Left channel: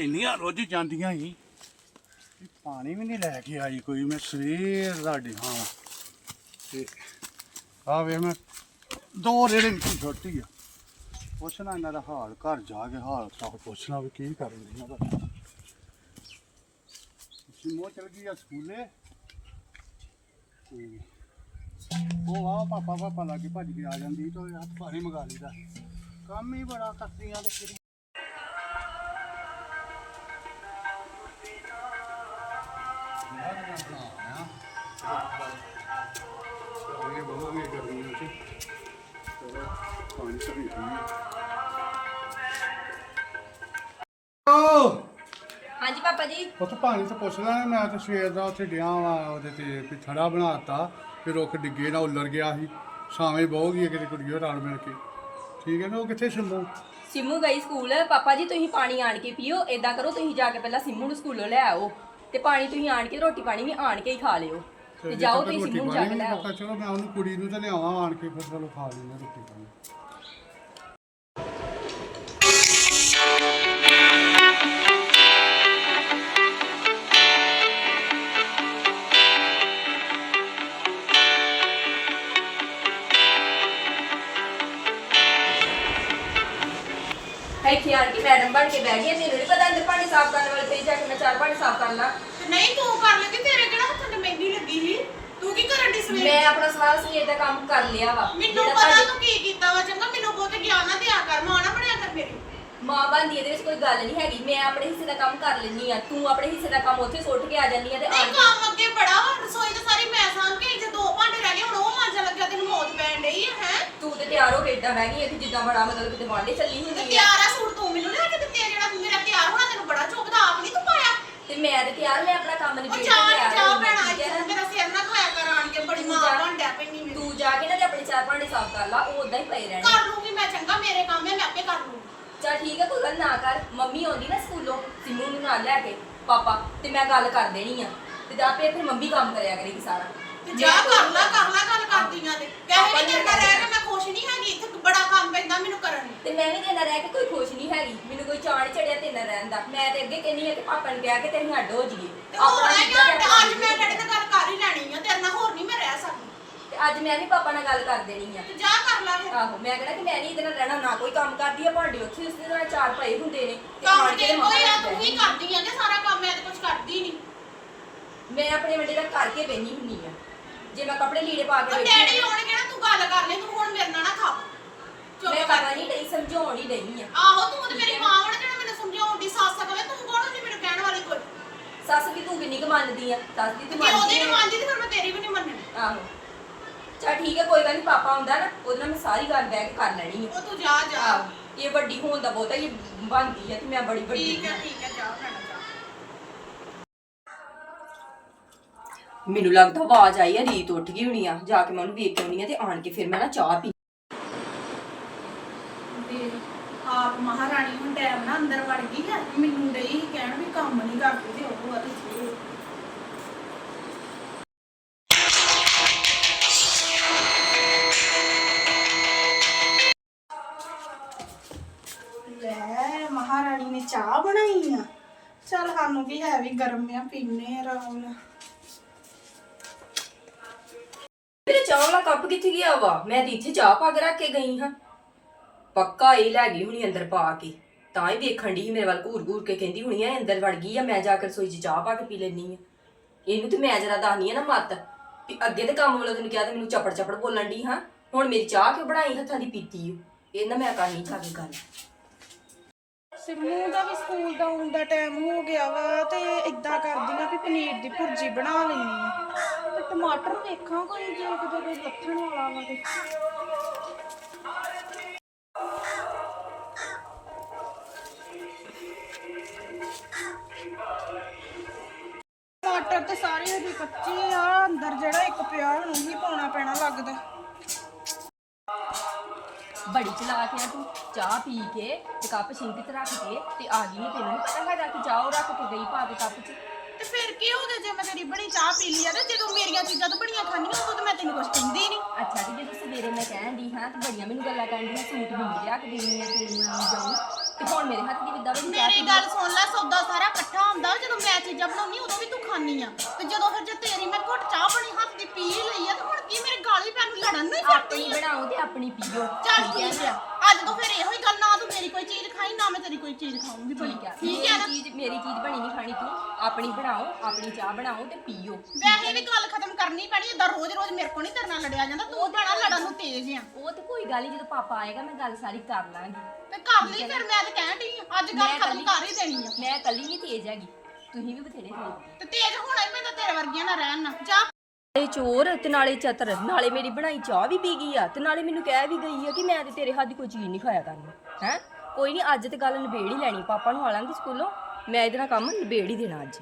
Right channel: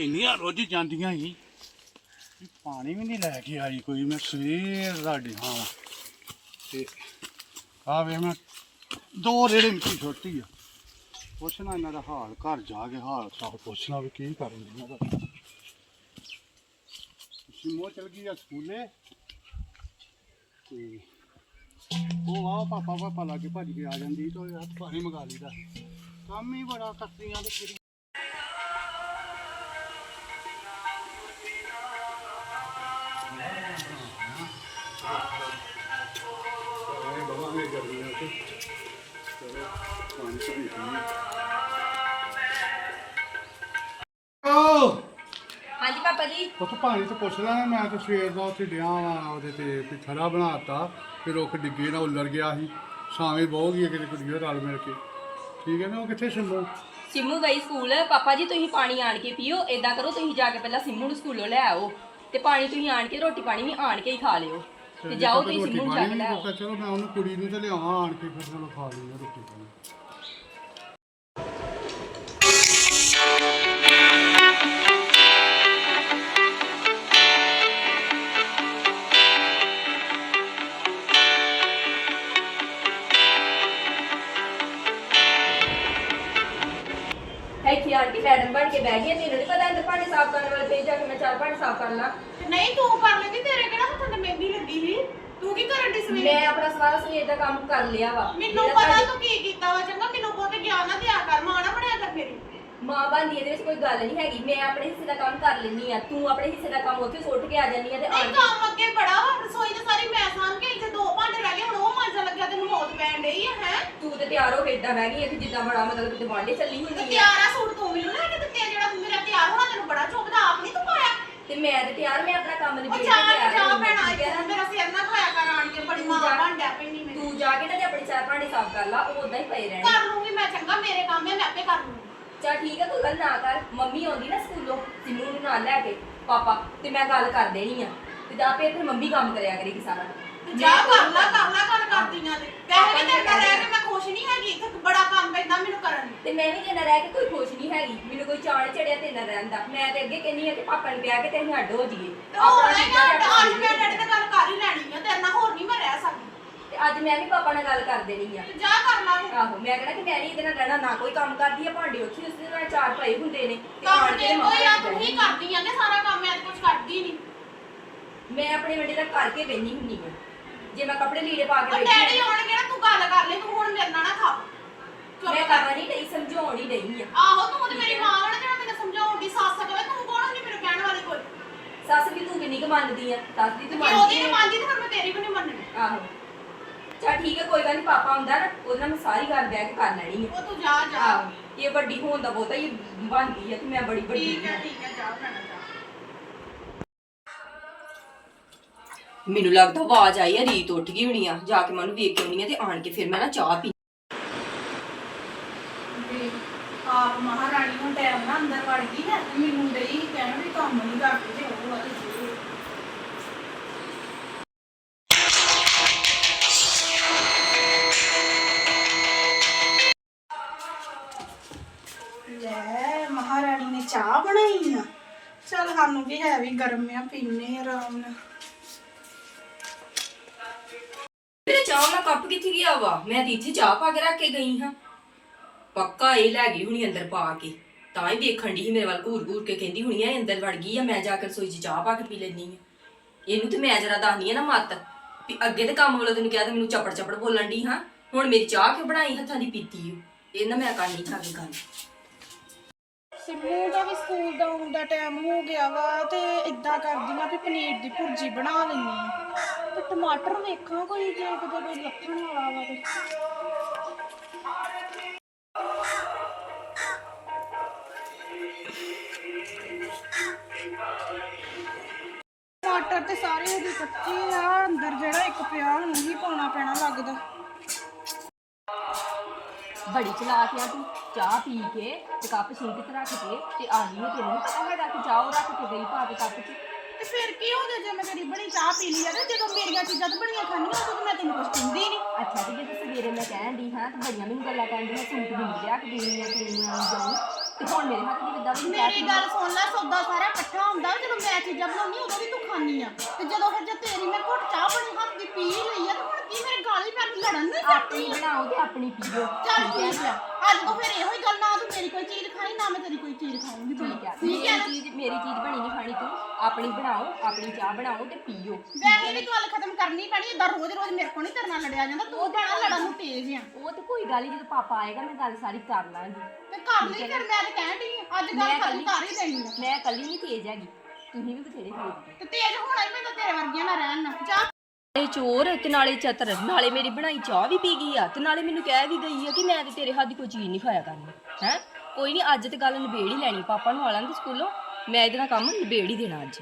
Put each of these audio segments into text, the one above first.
ਇੰਨੀਆਂ ਰੋਜ਼ ਜਾਂਦੀਆਂ ਸੀ ਵੀ ਪਾਣੀ ਵੀ ਨਹੀਂ ਲੈ ਕੇ ਆਈ ਕੋਈ। ਮੈਂ ਸਵੇਰ ਦਾ ਡਿਹਾਂ ਵਾਂ। ਤੇ ਆ ਵੇ ਮੈਂ ਦੋ ਰੇੜੇ ਮਿੱਟੀ ਛੋਟੀ ਆ। ਪੁੱਛਣਾ ਇਹਨਾਂ ਦਾ ਹਾਲ, ਘਰ ਜਾ ਕੇ ਹਾਲ ਚਾਲ ਪੁੱਛਣਾ ਵੀ ਕੀ ਕਰਨ ਦੀਆਂ ਦਾ ਸਿਮੋ ਚਲ ਗਈ ਆ ਸਕੂਲੇ? ਤੇ ਉਹ ਆ ਪਾਪਾ ਪਾਪਾ ਲਾ ਕੇ ਭੱਜ ਕੇ ਆ ਜਾਂਦੀ, ਤੇ ਹੱਥ ਪਾਣੀ ਮੰਗਾ ਲਈਦਾ। ਕੰਮ ਹੀ ਬੜਾ ਕਰਦੀਆਂ ਤੇ ਕਿਹੜੀ ਤਾਂ ਪਾਣੀ ਤੋਂ ਪੁੱਛ ਲੈਣਾ ਮੈਂ ਤਾਂ ਸਵੇਰ ਦਾ ਉੱਥੇ ਡਿਆ ਵਾਂ ਉਹਦੇ ਤੇ ਕੋਈ ਥੜਾ ਬਣਾਤਾ ਫਿਰ ਰੁੱਖ ਡਿੱਗੇ ਨਾ ਉੱਲਰ ਗਿਆ ਸੀ। ਛਾਵੇਂ ਬਹੁ ਗਈ ਕਿਤੇ ਕੁੜੀਓ ਰਲ ਮਿਲ ਕੇ। ਠੀਕ ਹੈ ਨਾ ਉਹ ਕਿੱਥੇ ਸੁਣੋ ਸਿੰਮੂ ਗਈ ਸਕੂਲ। ਪਾਪਾ ਜੀ ਤੁਸੀਂ ਪਾਣੀ ਆਣ ਕੇ ਪੀਓ ਏਦਾਂ ਕਰੋ ਤੁਸੀਂ ਜਾ ਕੇ ਪਹਿਲਾਂ ਸਿੰਮੂ ਨੂੰ ਸਕੂਲੋਂ ਲੈ ਆਓ ਤੇ ਪਾਣੀ ਤੁਸੀਂ ਆਣ ਕੇ ਰੋਟੀ ਪਾਣੀ ਵੀ ਆਣ ਕੇ ਹੀ ਖਾ ਲਿਓ। ਤੇ ਜਾਓ ਤੁਸੀਂ ਸਿੰਮੂ ਨੂੰ ਜਾ ਕੇ ਲੈ ਆਓ। ਚਲੋ ਮੈਂ ਉਹਨੂੰ ਕੁੜੀ ਨੂੰ ਤਾਂ ਲਿਆਵਾਂ ਆਣ ਕੇ ਫਿਰ ਚਲੋ ਖਾ ਲਈਏ ਰੋਟੀ ਪਾਣੀ। ਕੇ ਬਹਿ ਗਈ ਤੈਨੂੰ ਨਹੀਂ ਪਤਾ ਇੰਦਰ ਪਾਣੀ ਸਾਫ਼ ਕਰਨ ਵਾਲੇ ਤੇ ਜਾ ਕੇ ਮੈਂ ਚਾਰ ਪਾਣੀ ਸਾਫ਼ ਕਰ ਲਾਂ। ਤੇ ਨਹੀਂ ਤੂੰ ਕਰ ਲੈਂਦੀ ਤੇਰੇ ਕਿਹੜਾ ਹੱਥਾਂ ਤੇ ਮਹਿੰਦੀ ਲੱਗੀ ਸੀ? ਤੂੰ ਕੀ ਕਰਨ ਦੀ ਸਵੇਰੇ? ਮੈਂ ਆਪਣਾ ਸਾਰਾ ਸਵੇਰ ਦਾ ਕੰਮ ਕਰ ਲਿਆ ਵਾ। ਮੈਨੂੰ ਜਿਹੜਾ ਪਤਾ ਤੁਹਾਡੀ ਤੂੰ ਕੀ ਕੀਤਾ ਵਾ ਚੰਗਾ ਮੈਨੂੰ ਬਹੁਤ ਗਿਆਨ ਨਾ ਦਿਆ ਕਰ ਮਾਂ ਨਾ ਬਣਿਆ ਕਰ ਮੇਰੀ। ਮਾਂ ਬਣਦੀ ਇਹਦੇ ਵਿੱਚ ਕੋਈ ਗੱਲ ਨਹੀਂ ਹੈਗੀ। ਮੈਂ ਆਪਣੇ ਹਿੱਸੇ ਦਾ ਕੰਮ ਕਰ ਲੈਣੀ ਆ। ਤੂੰ ਆਪਣੇ ਹਿੱਸੇ ਦਾ ਕੰਮ ਉੱਥੇ ਸੁੱਟ ਕੇ ਆ ਜਾਂਦੀ ਆ ਤੇ ਆਣ ਨਹੀਂ ਕੇ ਕੰਮ ਅੱਗੇ ਬੜਾ ਵਾ ਰਸੋਈ ਤੇ ਸਾਰੀ ਮੈਂ ਸਾਂਭ ਕੇ ਇੱਥੇ ਦੋ ਭਾਂਡੇ ਰਹਿ ਗਏ ਹੁਣ ਉਹ ਮਾਂਜਾ ਲੱਗਿਆ ਤੈਨੂੰ ਮੌਤ ਪੈਣ ਡਈ ਆ ਹੈ? ਤੂੰ ਤੇ ਤਿਆਰ ਹੋ ਕੇ ਏਦਾਂ ਬਹਿ ਗਈ ਹੈ ਕਿ ਜਿੱਦਾਂ ਬੜਾ ਮਤਲਬ ਕਿਤੇ ਵਾਂਡੇ ਚੱਲੀ ਤੇ ਹੁੰਦੀ ਆ। ਤਿਆਰ ਆ ਸੂਟ ਤੂੰ ਮੈਨੂੰ ਲੈ ਕੇ ਦਿੱਤੇ ਆ ਜਿਹੜਾ ਮੇਰਾ ਤਿਆਰ ਹੋਣਾ ਤੈਨੂੰ ਬੜਾ ਚੁੱਕਦਾ ਆਪ ਨਹੀਂ ਤੂੰ ਪਾਇਆ। ਤੇ ਮੈਂ ਤੇ ਤਿਆਰ ਮੈਂ ਆਪਣਾ ਕੰਮ ਉਹ ਨਿਬੇੜ ਕੇ ਚਾਹ ਤਿਆਰ ਚਾਹ ਹੋਈ ਭੈਣਾ ਹਾਂ, ਠੀਕ ਹੈ ਇੱਥੇ ਨਾ? ਮੇਰਾ ਸਿਰ ਨਾ ਖੋਇਆ ਕਰ ਆਣ ਕੇ ਬੜੀ ਤੂੰ ਮਾਂ ਜਾ- ਬਣਦਾ ਪੈਣੀ ਮੈਨੂੰ। ਤੂੰ ਜਾ ਕੇ ਨਾ ਤੇ ਆਪਣੇ ਚਾਰ ਭਾਂਡੇ ਸਾਫ਼ ਕਰ ਲਾ ਉਹ ਉਦਾਂ ਹੀ ਪਏ ਰਹਿਣੇ। ਕਰ ਲੂੰਗੀ ਮੈਂ ਚੰਗਾ ਮੇਰੇ ਕੰਮ ਹੈ ਮੈਂ ਆਪੇ ਕਰ ਲੂੰਗੀ। ਚਲ ਠੀਕ ਹੈ ਕੋਈ ਗੱਲ ਨਾ ਕਰ ਮੰਮੀ ਆਉਂਦੀ ਨਾ ਸਕੂਲੋਂ ਸਿੰਮੂ ਨੂੰ ਨਾਲ ਲੈ ਕੇ ਪਾਪਾ ਤੇ ਮੈਂ ਗੱਲ ਕਰ ਦੇਣੀ ਆ। ਤੇ ਜਾ ਕੇ ਫਿਰ ਮੰਮੀ ਕੰਮ ਕਰਿਆ ਕਰੇਗੀ ਸਾਰਾ। ਤੇ ਜਾ ਮੈਂ ਕਰ ਲੈ ਕਰ ਲੈ ਗੱਲ ਕਰਦੀਆਂ ਤੇ। ਪਾਪਾ ਕਹੇ ਨੇ ਕਿ ਤੇਰੇ ਰਹਿ ਕੇ ਮੈਂ ਖੁਸ਼ ਨਹੀਂ ਹੈਗੀ ਇੱਥੇ ਬੜਾ ਕੰਮ ਪੈਂਦਾ ਮੈਨੂੰ ਕਰਨ ਨੂੰ। ਤੇ ਮੈਂ ਵੀ ਤੇਰੇ ਨਾਲ ਰਹਿ ਕੇ ਕੋਈ ਖੁਸ਼ ਨਹੀਂ ਹੈਗੀ ਮੈਨੂੰ ਕੋਈ ਚਾਣ ਚੜਿਆ ਤੇ ਨਾ ਰਹਿਣ ਦਾ। ਮੈਂ ਤੇ ਅੱਗੇ ਕਹਿੰਨੀ ਆ ਕਿ ਪਾਪਾ ਨੂੰ ਕਹਿ ਕੇ ਤੇ ਅਸੀਂ ਅੱਡ ਹੋ ਜਾਈਏ। ਤੇ ਹੋਰ ਆਪਣਾ ਮੈਂ ਕੀਤਾ ਤੇ ਕਿਹਾ ਆਪਣਾ ਅੱਜ ਮੈਂ ਕੀਤਾ। ਡੈਡੀ ਨਾਲ ਗੱਲ ਕਰ ਹੀ ਲੈਣੀ ਆ ਤੇਰੇ ਨਾਲ ਹੋਰ ਨਹੀਂ ਮੈਂ ਰਹਿ ਸਕਦੀ। ਤੇ ਅੱਜ ਮੈਂ ਵੀ ਪਾਪਾ ਨਾਲ ਗੱਲ ਕਰ ਦੇਣੀ ਆ। ਤੇ ਜਾ ਕਰ ਲਾ ਫਿਰ। ਆਹੋ ਮੈਂ ਕਹਿੰਦਾ ਕਿ ਮੈਂ ਨਹੀਂ ਇਹਦੇ ਨਾਲ ਰਹਿਣਾ ਨਾ ਕੋਈ ਕੰਮ ਕਰਦੀ ਆ ਭਾਂਡੇ ਉੱਥੇ ਉਸਦੇ ਨਾਲ ਚਾਰ ਪਏ ਹੁੰਦੇ ਨੇ ਤੇ ਕੰਮ ਆਣ ਕੇ ਤੇ ਮੰਮਾ ਕੋਈ ਆ ਨਾਲ ਤੂੰ ਹੀ ਕਰਦੀ ਆ ਕਿ ਸਾਰਾ ਕੰਮ ਮੈਂ ਤੇ ਕੁਝ ਕਰਦੀ ਨਹੀਂ। ਮੈਂ ਆਪਣੇ ਵੱਡੇ ਦਾ ਕਰਕੇ ਬੈਣੀ ਹੁੰਨੀ ਆ। ਜੇ ਮੈਂ ਕੱਪੜੇ ਲੀੜੇ ਪਾ ਕੇ ਬੈਠੀ ਡੈਡੀ ਆਉਣਗੇ ਨਾ ਤੂੰ ਗੱਲ ਕਰ ਲੈ ਤੂੰ ਹੁਣ ਮੇਰੇ ਨਾਲ ਨਾ ਖਾ। ਚੁੱਪ ਮੈਂ ਕਰ। ਕਰਨਾ ਨਹੀਂ ਡਈ ਸਮਝਾਉਣ ਹੀ ਡਈ ਆ। ਆਹੋ ਤੂੰ ਤੇ ਮੇਰੀ ਮਾਂ ਵਣ ਜਿਹੜਾ ਮੈਨੂੰ ਸਮਝਾਉਣ ਦੀ ਸੱਸ ਕਵੇ ਤੂੰ ਕੌਣ ਹੁੰਦੀ ਮੈਨੂੰ ਕਹਿਣ ਵਾਲੀ ਕੋਈ? ਸੱਸ ਦੀ ਤੂੰ ਕਿੰਨੀ ਕੁ ਮੰਨਦੀ ਆ? ਸੱਸ ਦੀ ਤੇ ਤੂੰ ਜੇ ਉਹਦੀ ਮੰਨਦੀ ਨਹੀਂ ਆ। ਮੰਨਦੀ ਤੇ ਫਿਰ ਮੈਂ ਤੇਰੀ ਵੀ ਨਹੀਂ ਮੰਨਣੀ। ਆਹੋ। ਚਾ ਠੀਕ ਹੈ ਕੋਈ ਗੱਲ ਨਹੀਂ ਪਾਪਾ ਹੁੰਦਾ ਨਾ ਉਹਦੇ ਨਾਲ ਮੈਂ ਸਾਰੀ ਗੱਲ ਬਹਿ ਕੇ ਕਰ ਲੈਣੀ ਆ। ਉਹ ਤੂੰ ਜਾ ਜਾ। ਆਹੋ ਇਹ ਵੱਡੀ ਹੋਣ ਦਾ ਬਹੁਤਾ ਹੀ ਬਣਦੀ ਆ ਕਿ ਮੈਂ ਬੜੀ ਵੱਡੀ ਠੀਕ ਹੈ ਠੀਕ ਹੈ ਜਾ ਭੈਣਾ। ਮੈਨੂੰ ਲੱਗਦਾ ਆਵਾਜ਼ ਆਈ ਆ, ਰੀਤ ਉੱਠ ਗਈ ਹੋਣੀ ਆ, ਜਾ ਕੇ ਮੈਂ ਉਹਨੂੰ ਵੇਖ ਕੇ ਆਉਣੀ ਆ ਤੇ ਆਣ ਕੇ ਫਿਰ ਮੈਂ ਨਾ ਚਾਹ ਪੀ ਤੇ ਆਪ ਮਹਾਰਾਣੀ ਨੂੰ ਟਾਈਮ ਨਾਲ ਅੰਦਰ ਵੜ ਗਈ ਹੈ ਮੈਨੂੰ ਡਈ ਸੀ ਕਹਿਣ ਵੀ ਕੰਮ ਨਹੀਂ ਕਰਦੀ ਤੇ ਉਹ ਵਾਲੀ ਸੀ ਲੈ, ਮਹਾਰਾਣੀ ਨੇ ਚਾਹ ਬਣਾਈ ਆ। ਚਲ ਸਾਨੂੰ ਵੀ ਹੈ ਵੀ ਗਰਮ ਆ, ਪੀਨੇ ਆ ਆਰਾਮ ਨਾਲ। ਮੇਰੇ ਚਾਹ ਵਾਲਾ ਕੱਪ ਕਿੱਥੇ ਗਿਆ ਵਾ? ਮੈਂ ਤੇ ਇੱਥੇ ਚਾਹ ਪਾ ਕੇ ਰੱਖ ਕੇ ਗਈ ਹਾਂ। ਪੱਕਾ ਇਹ ਲੈ ਗਈ ਹੁਣੀ ਅੰਦਰ ਪਾ ਕੇ। ਤਾਂ ਹੀ ਵੇਖਣ ਦੀ ਮੇਰੇ ਵੱਲ ਘੂਰ ਘੂਰ ਕੇ, ਕਹਿੰਦੀ ਹੁਣੀ ਐ ਅੰਦਰ ਵੜ ਗਈ ਆ, ਮੈਂ ਜਾ ਕੇ ਰਸੋਈ 'ਚ ਚਾਹ ਪਾ ਕੇ ਪੀ ਲੈਣੀ ਆ। ਇਹਨੂੰ ਤੇ ਮੈਂ ਜਰਾ ਦੱਸਨੀ ਆ ਨਾ ਮੱਤ, ਵੀ ਅੱਗੇ ਤੇ ਕੰਮ ਵੱਲੋਂ ਤੈਨੂੰ ਕਿਹਾ ਤੇ ਮੈਨੂੰ ਚਪੜ ਚਪੜ ਬੋਲਣ ਦੀ ਹਾਂ। ਹੁਣ ਮੇਰੀ ਚਾਹ ਕਿਉਂ ਬਣਾਈ ਹੱਥਾਂ ਦੀ ਪੀਤੀ ਇਹ ਨਾ ਮੈਂ ਕਰਨੀ ਜਾ ਗੱਲ। ਸਿੰਮੂ ਦਾ ਵੀ ਸਕੂਲ ਦਾ ਆਉਣ ਦਾ ਟਾਈਮ ਹੋ ਗਿਆ ਵਾ ਤੇ ਇਦਾਂ ਕਰਦੀ ਆ ਵੀ ਪਨੀਰ ਦੀ ਭੁਰਜੀ ਬਣਾ ਲੈਣੀ ਆ। ਤੇ ਟਮਾਟਰ ਵੇਖਾਂ ਕੋਈ ਜੇ ਕਿਤੇ ਕੋਈ ਲੱਥਣ ਵਾਲਾ ਵਾ ਤੇ। ਟਮਾਟਰ ਤੇ ਸਾਰੇ ਉਹਦੇ ਕੱਚੇ ਆ, ਅੰਦਰ ਜਿਹੜਾ ਇੱਕ ਪਿਆ ਉਹਨੂੰ ਹੀ ਪਾਉਣਾ ਪੈਣਾ ਲੱਗਦਾ। ਬੜੀ ਚਲਾਕ ਆ ਤੂੰ, ਚਾਹ ਪੀ ਕੇ ਤੇ ਕੱਪ ਸਿੰਕ 'ਚ ਰੱਖ ਕੇ ਤੇ ਆ ਗਈ ਤੈਨੂੰ। ਪਤਾ ਹੈਗਾ ਕਿ ਚਾਹ ਉਹ ਰੱਖ ਕੇ ਗਈ ਪਾ ਕੇ ਕੱਪ 'ਚ। ਤੇ ਫਿਰ ਕੀ ਹੋ ਗਿਆ? ਜੇ ਮੈਂ ਤੇਰੀ ਬਣੀ ਚਾਹ ਪੀ ਲਈ ਆ ਤੇ ਜਦੋਂ ਮੇਰੀਆਂ ਚੀਜ਼ਾਂ ਤੋਂ ਬਣੀਆਂ ਖਾਣੀਆਂ ਉਦੋਂ ਤੇ ਮੈਂ ਤੈਨੂੰ ਕੁਝ ਕਹਿੰਦੀ ਨਹੀਂ ਅੱਛਾ ਤੇ ਜਦੋਂ ਸਵੇਰੇ ਮੈਂ ਕਹਿਣ ਦੀ ਹਾਂ ਤੇ ਬੜੀਆਂ ਮੈਨੂੰ ਗੱਲਾਂ ਕਰਨ ਦੀਆਂ ਸੂਟ ਮੈਨੂੰ ਲਿਆ ਕੇ ਦੇਣੀ ਆ ਤੈਨੂੰ ਮੈਂ ਜਾਉਂ ਤੇ ਹੁਣ ਮੇਰੇ ਹੱਥ ਦੀ ਬਣੀ ਚਾਹ ਮੇਰੀ ਗੱਲ ਸੁਣ ਲੈ ਸੌਦਾ ਸਾਰਾ ਇਕੱਠਾ ਹੁੰਦਾ ਜਦੋਂ ਮੈਂ ਚੀਜ਼ਾਂ ਬਣਾਉਣੀ ਉਦੋਂ ਵੀ ਤੂੰ ਖਾਣੀ ਆ। ਤੇ ਜਦੋਂ ਫਿਰ ਜੇ ਤੇਰੀ ਮੈਂ ਘੁੱਟ ਚਾਹ ਬਣੀ ਹੱਥ ਦੀ ਪੀ ਲਈ ਆ ਤੇ ਹੁਣ ਕੀ ਮੇਰੇ ਗਾਲੀ ਪੈਣ ਨੂੰ ਲੜਨ ਨੂੰ ਹੀ ਆਪਣੀ ਫਿਰਦੀ ਆ। ਬਣਾਓ ਤੇ ਆਪਣੀ ਪੀਓ। ਚੱਲ ਠੀਕ ਆ। ਅੱਜ ਤੋਂ ਫਿਰ ਇਹੋ ਹੀ ਗੱਲ ਨਾ ਤੂੰ ਮੇਰੀ ਕੋਈ ਚੀਜ਼ ਖਾਈ ਨਾ ਮੈਂ ਤੇਰੀ ਕੋਈ ਚੀਜ਼ ਖਾਊਂਗੀ ਬਣੀ ਠੀਕ ਠੀਕ ਹੈ ਨਾ ਚੀਜ਼ ਮੇਰੀ ਚੀਜ਼ ਬਣੀ ਨਹੀਂ ਖਾਣੀ ਤੂੰ। ਆਪਣੀ ਬਣਾਓ ਆਪਣੀ ਚਾਹ ਬਣਾਓ ਤੇ ਪੀਓ। ਵੈਸੇ ਵੀ ਗੱਲ ਖਤਮ ਕਰਨੀ ਪੈਣੀ ਇਦਾਂ ਰੋਜ਼ ਰੋਜ਼ ਮੇਰੇ ਕੋਲ ਨਹੀਂ ਤੇਰੇ ਨਾਲ ਲੜਿਆ ਜਾਂਦਾ ਤੂੰ ਭੈਣਾ ਲੜਨ ਨੂੰ ਤੇਜ਼ ਆ। ਉਹ ਤੇ ਕੋਈ ਗੱਲ ਨਹੀਂ ਜਦੋਂ ਪਾਪਾ ਆਏਗਾ ਮੈਂ ਗੱਲ ਸਾਰੀ ਕਰ ਲਾਂਗੀ। ਤੇ ਕਰ ਲਈ ਫਿਰ ਮੈਂ ਤੇ ਕਹਿਣ ਡਈ ਆ ਅੱਜ ਗੱਲ ਮੈਂ ਖਤਮ ਕਰ ਹੀ ਦੇਣੀ ਆ। ਮੈਂ ਕੱਲੀ ਨਹੀਂ ਤੇਜ਼ ਹੈਗੀ ਤੁਸੀਂ ਵੀ ਬਥੇਰੇ ਤੇਜ਼ ਤੇ ਤੇਜ਼ ਹੋਣਾ ਹੀ ਮੈਂ ਤਾਂ ਤੇਰੇ ਵਰਗੀਆਂ ਨਾਲ ਰਹਿਣ ਨਾ ਜਾ ਨਾਲੇ ਚੋਰ ਤੇ ਨਾਲੇ ਚਤਰ, ਨਾਲੇ ਮੇਰੀ ਬਣਾਈ ਚਾਹ ਵੀ ਪੀ ਗਈ ਆ ਤੇ ਨਾਲੇ ਮੈਨੂੰ ਕਹਿ ਵੀ ਗਈ ਆ ਕਿ ਮੈਂ ਤੇ ਤੇਰੇ ਹੱਥ ਦੀ ਕੋਈ ਚੀਜ਼ ਨਹੀਂ ਖਾਇਆ ਕਰਨੀ, ਹੈ? ਕੋਈ ਨਹੀਂ, ਅੱਜ ਤੇ ਗੱਲ ਨਿਬੇੜ ਹੀ ਲੈਣੀ, ਪਾਪਾ ਨੂੰ ਆਲਾਂਗੇ ਸਕੂਲੋਂ, ਮੈਂ ਇਹਦੇ ਨਾਲ ਕੰਮ ਨਿਬੇੜ ਹੀ ਦੇਣਾ ਅੱਜ।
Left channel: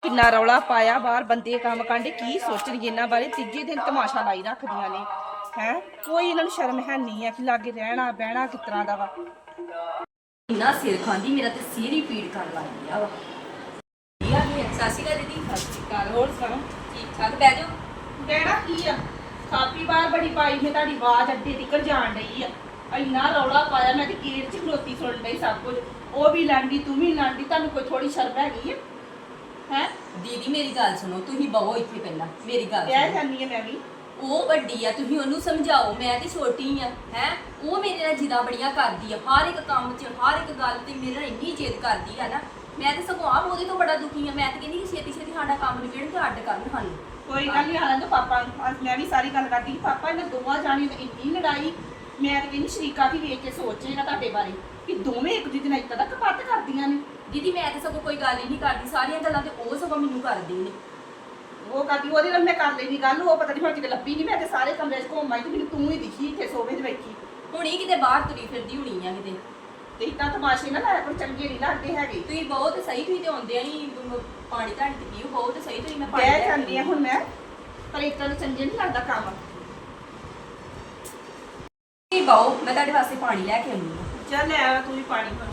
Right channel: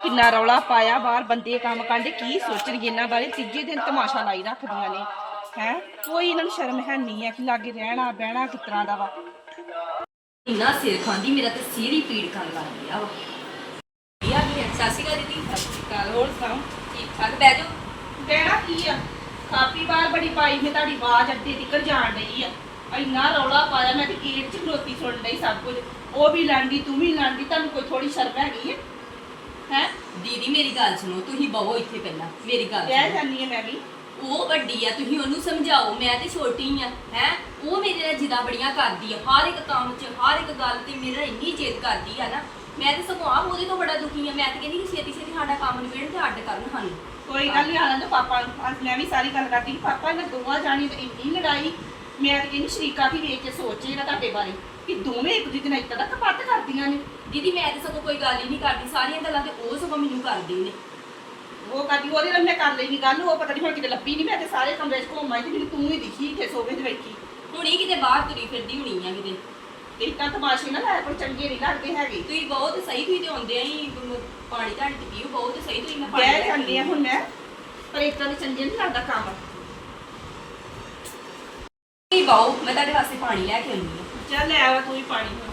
ਕਿੰਨਾ ਰੌਲਾ ਪਾਇਆ ਬਾਹਰ, ਬੰਦੇ ਕੰਮ ਕਰਦੇ, ਕੀ ਸੋਚਣਗੇ ਇਹਨਾਂ ਬਾਰੇ? ਤੀਜੇ ਦਿਨ ਤਮਾਸ਼ਾ ਲਾਈ ਰੱਖਦੀਆਂ ਨੇ, ਹੈ? ਕੋਈ ਇਹਨਾਂ ਨੂੰ ਸ਼ਰਮ ਹੈ ਨਹੀਂ ਹੈ ਕਿ ਲਾਗੇ ਰਹਿਣਾ, ਬਹਿਣਾ ਕਿਸ ਤਰ੍ਹਾਂ ਦਾ ਵਾ। ਇੰਨਾ ਸਿਰ ਖਾਂਦੀ ਮੇਰਾ ਤੇ ਸਿਰ ਹੀ ਪੀੜ ਕਰਨ ਲੱਗ ਗਿਆ ਵਾ। ਸਾਸੀ ਕਾ ਦੀਦੀ। ਸਤਿ ਸ਼੍ਰੀ ਅਕਾਲ। ਹੋਰ ਸੁਣਾਓ? ਠੀਕ ਠਾਕ? ਬਹਿ ਜਾਓ। ਬਹਿਣਾ ਕੀ ਆ? ਕਾਪੀ ਬਾਹਰ ਬੜੀ ਪਾਈ ਮੈਂ ਤੁਹਾਡੀ ਆਵਾਜ਼ ਅੱਡੇ ਤਿੱਕਰ ਜਾਣ ਡਈ ਆ। ਇੰਨਾ ਰੌਲਾ ਪਾਇਆ ਮੈਂ ਤੇ ਗੇਟ 'ਚ ਖਲੋਤੀ ਸੁਣ ਲਈ ਸਭ ਕੁਝ। ਉਹ ਵੀ ਲਾਂਦੀ ਤੂੰ ਵੀ ਲਾਂਦੀ ਤੁਹਾਨੂੰ ਕੋਈ ਥੋੜੀ ਸ਼ਰਮ ਹੈਗੀ ਹੈ ਹੈ? ਦੀਦੀ ਮੇਰੀ ਗੱਲ ਸੁਣੋ। ਤੁਸੀਂ ਬਵੋ ਇੱਥੇ ਪਹਿਲਾਂ। ਮੇਰੀ ਗੱਲ ਵਿਆਹ ਸੁਣੋ। ਜਾਨੀ ਹੈ ਮੈਂ ਵੀ। ਉਹ ਵੱਡੀ ਆ ਤੁਸੀਂ ਉਹਨੂੰ ਸਮਝਾਓ ਮੈਂ ਤੇ ਛੋਟੀ ਆ ਹੈ? ਉਹ ਮੇਰੇ ਨਾਲ ਜਿੱਦਾਂ ਬੜੀਆਂ ਕਰਦੀ ਆ ਹਰ ਇੱਕ ਕੰਮ 'ਚ ਹਰ ਇੱਕ ਗੱਲ ਤੇ ਮੇਰੇ ਇੰਨੀ ਜਿੱਦ ਕਰਦੀ ਆ ਨਾ ਮੈਂ ਤੇ ਸਗੋਂ ਆਪ ਉਹਦੇ ਤੋਂ ਬੜਾ ਦੁਖੀ ਆ ਮੈਂ ਤੇ ਕਹਿੰਦੀ ਕਿ ਛੇਤੀ ਛੇਤੀ ਸਾਡਾ ਕੰਮ ਨਿਬੇੜਨ ਤੇ ਅੱਡ ਕਰਨ ਸਾਨੂੰ। ਕੋਈ ਗੱਲ ਨਹੀਂ ਆਣਾ ਪਾਪਾ ਅੱਜ ਮੈਂ ਵੀ ਸਾਰੀ ਗੱਲ ਕਰਦੀ ਕਿ ਪਾਪਾ ਇਹਨਾਂ ਦੋਵਾਂ ਜਾਣੀ ਤੇ ਇੰਨੀ ਲੜਾਈ ਮੈਂ ਤਾਂ ਕਹਿੰਦੀ ਸ਼ਰੀਕਾ ਕੀ ਵੇਖ ਕੇ ਸੋਚੇਗਾ ਤੁਹਾਡੇ ਬਾਰੇ ਕਿ ਦੋਵੇਂ ਇੱਕ ਦੂਜੇ ਨਾਲ ਇੱਦਾਂ ਦਾ ਕਪੱਟ ਕਰਦੀਆਂ ਨੇ। ਦੀਦੀ ਮੈਂ ਤੇ ਸਗੋਂ ਕੋਈ ਗੱਲ ਹੀ ਨਹੀਂ ਕਰਦੀ ਸਾਰੀਆਂ ਗੱਲਾਂ ਤੇ ਉਹ ਸਗੋਂ ਮੈਨੂੰ ਕਰਦੀ ਨੇ। ਉਹ ਕਰਦੀ ਉਹਦੇ ਨਾਲ ਮੈਂ ਕਰ ਲਈ ਗੱਲ ਉਹ ਪਤਾ ਨਹੀਂ ਹੁਣ ਕਿਤੇ ਲੱਭੀ ਨਹੀਂ ਮੈਂ ਤੇ ਸਾਰੇ ਕਮਰੇ 'ਚ ਘੁੰਮ ਆਈ ਤੇ ਮੈਨੂੰ ਤੂੰ ਹੀ ਦਿਖੀ ਇੱਥੇ ਸੋਫੇ 'ਤੇ ਬੈਠੀ। ਹੁਣੀ ਕਿਤੇ ਬਾਹਰ ਤੁਰੀ ਫਿਰਦੀ ਹੁਣੀ ਆ ਕਿਤੇ। ਤੇ ਇੱਦਾਂ ਤਮਾਸ਼ੇ ਨਾ ਲਾਇਆ ਕੋਈ ਚੰਗੇ ਨਹੀਂ ਲੱਗਦੇ ਹੈਗੇ। ਤੁਸੀਂ ਬਹੁਤ ਸਹੀ ਤੁਸੀਂ ਤੇ ਆਉਂਦੇ ਆ ਹੀ ਪਾਣੀ ਧਾਣੀ ਤੇ ਪੀਓ ਬਹੁਤ ਸਹੀ ਤੁਸੀਂ ਮੈਂ ਪਾਣੀ ਲੈ ਬਹਿ ਕੇ ਜਾਂਦੀ ਆ ਹੁਣ ਮੈਂ ਪਰ ਇੱਦਾਂ ਦੇ ਚੰਗੇ ਨਹੀਂ ਲੱਗਦਾ ਕੰਮ। ਤੁਸੀਂ ਬਾਓ ਮੈਂ ਤੁਹਾਡੇ ਵਾਸਤੇ ਪਾਣੀ ਲੈ ਕੇ ਆਉਂਦੀ ਆ। ਚੱਲ ਲੈ ਆ ਤੂੰ ਹੀ ਪਾਣੀ ਹੁਣ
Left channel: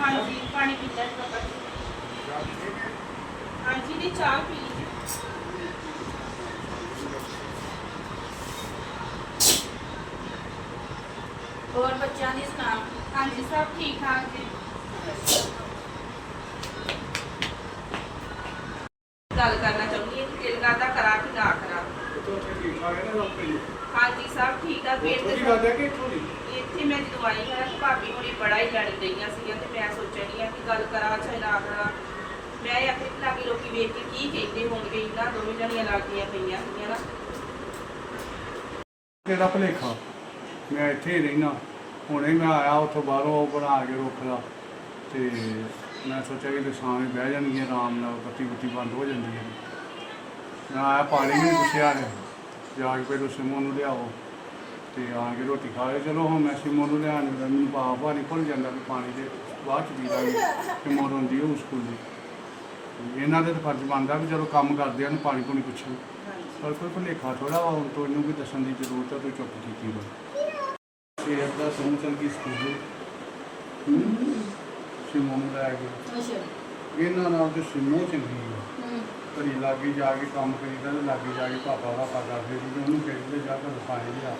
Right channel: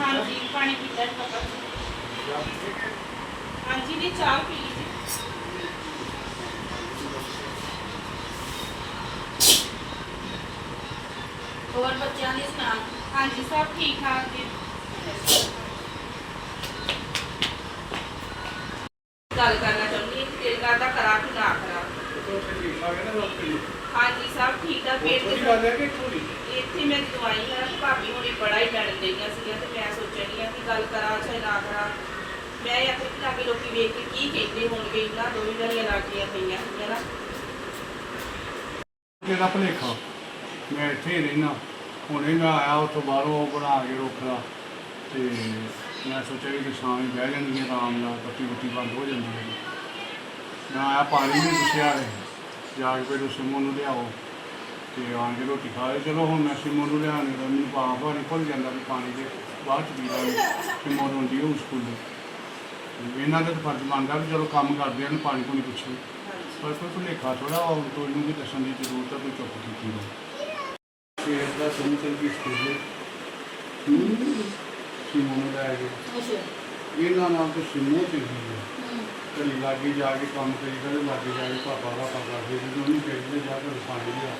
ਹਾਂਜੀ ਪਾਣੀ ਪੀਤਾ ਹੈ ਪਤਾ ਹਾਂਜੀ ਦੀ ਚਾਹ ਪੀ ਲਈ ਹੋਰ ਬੱਚਿਆਂ ਦੀ ਸੁਣਾ ਹਾਂਜੀ ਸਭ ਠੀਕ ਠਾਕ ਜੀ ਗੱਲ ਕਰਨਾ ਚਾਹੁੰਦੀ ਹਾਂ ਕਿ ਦਿਲ ਕਰਦਾ ਕਰਾ ਕਿ ਨਾ ਕਰਾ ਹਾਂਜੀ ਤੇ ਗੱਲ ਹੈ ਕਿ ਥੋੜੀ ਇੱਥੇ ਮੈਂ ਜਦੋਂ ਆਈ ਹਾਂ ਤੇ ਭਾਬੀ ਹੁਣੇ ਬੜਾ ਹੀ ਲੜਨ ਡਈਆਂ ਸੀਗੀਆਂ ਤੇ ਮੈਂ ਸੋਚਣੀ ਆ ਕਿ ਗੱਲ ਕਰਾਂ ਚਾਹੇ ਨਾ ਕਰਾਂ। ਮੈਂ ਇਹ ਆਪਣੇ ਲਾਗੇ ਲੋਕੀ ਵੇਖ ਕੇ ਕੀ ਕਹਿੰਦੇ ਹੋਣਗੇ ਇਹਨਾਂ ਦੋਵੇਂ ਜਣੀਆਂ ਲੱਗੀਆਂ ਪਈਆਂ ਸੀਗੀਆਂ ਨਾ। ਤੇਰਾ ਭਲੇਖਾ? ਮੈਂ ਇੱਥੇ ਹੀ ਰਹਿਣਾ ਹੁਣੇ ਮੈਂ ਆਇਆ ਉੱਥੋਂ ਬਾਹਰੋਂ ਬਣਾ ਕੇ ਰੋਕਦਾ। ਤੇ ਮੈਂ ਸੋਚਿਆ ਕਿ ਸ਼ਾਮ ਨੂੰ ਬਹਿ ਜਾਣਗੇ ਆਰਾਮ ਨਾਲ ਬੱਤੀ ਬੱਤੀ ਬੰਦ ਹੋ ਜਾਂਦੀ ਹੈ ਮੈਂ ਆਇਆ ਪਾਣੀ ਨਹੀਂ ਪੁੱਛਿਆ ਨੇ। ਜਾ ਕੇ ਪਹਿਲਾਂ ਸਿਮੋ ਨੂੰ ਲਿਆਓ। ਤੇ ਆਣ ਕੇ ਰੋਟੀ ਖਾ ਲਈ ਚਲੋ ਹੁਣ ਮੈਂ ਸਿਮੋ ਨੂੰ ਲਿਆਣੇ ਦਾ ਮੈਨੂੰ ਪਾਪ ਆ ਨਹੀਂ ਭੁੱਲ ਜਾਂਦਾ ਵੀ ਪਾਣੀ ਦੇ ਬਾਅਦ ਚ ਪੀ ਲਾਂਗੇ। ਸਿਮੋ ਨੂੰ ਹੁੰਦੀ ਉਹ ਸਕੂਲ ਦੀ ਇਹਨਾਂ ਦਾ ਤਾਂ ਫਰਜ਼ ਬਣਦਾ ਵੀ ਚਲੋ ਕੰਮ ਕਰਦੇ ਹਨ ਪਾਣੀ ਪੂਣੀ ਪੁੱਛਣ। ਪਰ ਕੋਈ ਭੁਲੇਖਾ ਥੋੜਾ ਹੁਣ ਤੋਂ ਇਹਨੂੰ ਵੀ ਦੱਸਣ ਦੀ ਜ਼ਰੂਰਤ ਆ ਤੂੰ ਚੁੱਪ ਕੀਤੀ ਵਾ ਤੇ ਦਾ ਸੁਣ ਚਲ ਗਈ ਸਕੂਲ ਸਿਮੋ ਨੂੰ ਲੈ ਕੇ। ਇਹਨਾਂ ਨਾਲ ਤੇ ਸਿਮੋ ਚੰਗੀ ਹੈ ਘੜੀ ਲਾਗੇ ਜਾ ਕੇ ਕੰਮ ਕਰੀਦਾ ਤੇ ਲਾਗੇ ਜਾ ਕੇ ਪਾਪਾ ਦਾ ਪਤਾ ਫਿਰ ਉਹਨੂੰ ਖੇਡਦੇ ਜਾ ਕੇ ਰਸਾਈ ਲਿਆ।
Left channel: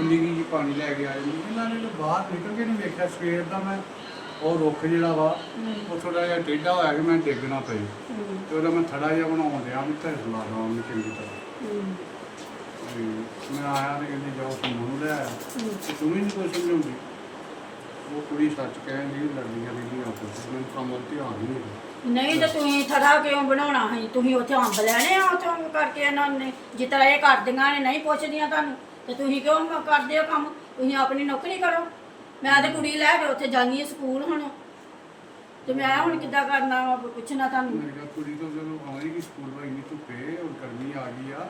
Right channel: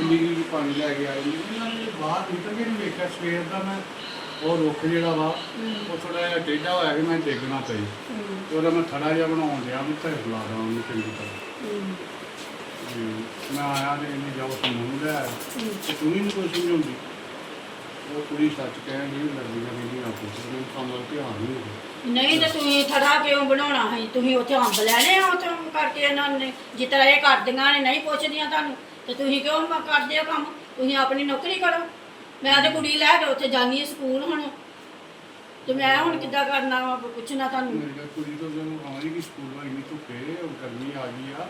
ਇੰਨੀ ਕੀ ਪਾਣੀ ਲੈ ਕੇ ਆਏ ਇਹਨਾਂ ਨੇ ਜੇ ਬਾਹਰ ਨਿਕਲ ਕੇ ਨਹੀਂ ਵੇਖਿਆ ਸਵੇਰ ਦਾ ਮੈਂ ਉਹ ਰੁੱਖ ਜਿਹੜਾ ਵਾ ਉਹ ਥੋੜਾ ਜਿਹਾ ਟੇਢਾ ਹੋਇਆ ਕਿ ਮੈਂ ਡਿੱਗਣਾ ਪਈ। ਤੇ ਉਹਦਾ ਮੈਂ ਥੜਾ ਜਿਹਾ ਬਣਾਉਣ ਡਿਆ ਮੈਂ ਤੇ ਲਾ ਲਾ ਉਹਨੂੰ ਚੰਗੀ ਤਰ੍ਹਾਂ। ਮੈਂ ਆਇਆ ਤੇ ਇਹਨੇ ਲੈ ਆਇਆ। ਤੇ ਨਹੀਂ ਕੋਈ ਸਮਝਾਉਂਦੀ? ਉਹ ਕੁੜੀ ਸੱਚ ਕਹਿਣ ਨਹੀਂ ਲੱਗਦੀ ਹੈ ਮੈਨੂੰ ਨਾ ਪੁੱਛ ਮੈਨੂੰ ਕੰਮ ਧਿਆਨ ਨਹੀਂ ਹੁੰਦਾ ਨਹੀਂ ਤਾਂ ਤੁਸੀਂ ਥੜਾ ਕਿਉਂ ਬਣਾਉਣਾ ਹੈ ਤੁਸੀਂ ਉੱਥੇ ਅੰਬ ਲੈਣੇ ਆ ਉੱਥੋਂ ਕਰਕੇ ਇਹਨਾਂ ਨੇ। ਜਿਸ ਤਰ੍ਹਾਂ ਇਹ ਕਰਦੀਆਂ ਨੇ ਨਹੀਂ ਪੁੱਛਦੀਆਂ ਤੁਹਾਨੂੰ ਤੇ ਤੁਸੀਂ ਕਿਉਂ ਮ- ਕਰਦੇ ਆ ਕੰਮ? ਤੁਸੀਂ ਆਪਣੀ ਨੌਕਰੀ ਕਰੋ। ਮੈਂ ਤੇ ਕੁੜੀ ਲੈ ਕੇ ਉੱਥੇ ਜਾਨੀ ਸਕੂਲ ਹੁਣ। ਤੇ ਮੈਂ ਹੁਣ ਕਿੱਦਾਂ ਕਰਨਾ ਵਾ ਪੁੱਛਣਾ ਤੁਹਾਨੂੰ। ਮੈਂ ਕਿਹਾ ਕੁੜੀ ਤੋਂ ਜਦੋਂ ਆਉਣੀ ਕਿ ਸਕੂਲ ਵਾਲੀ ਨਹੀਂ ਧੁੱਪੇ ਉਹ ਗਰਮੀ ਆ ਗਈ ਆ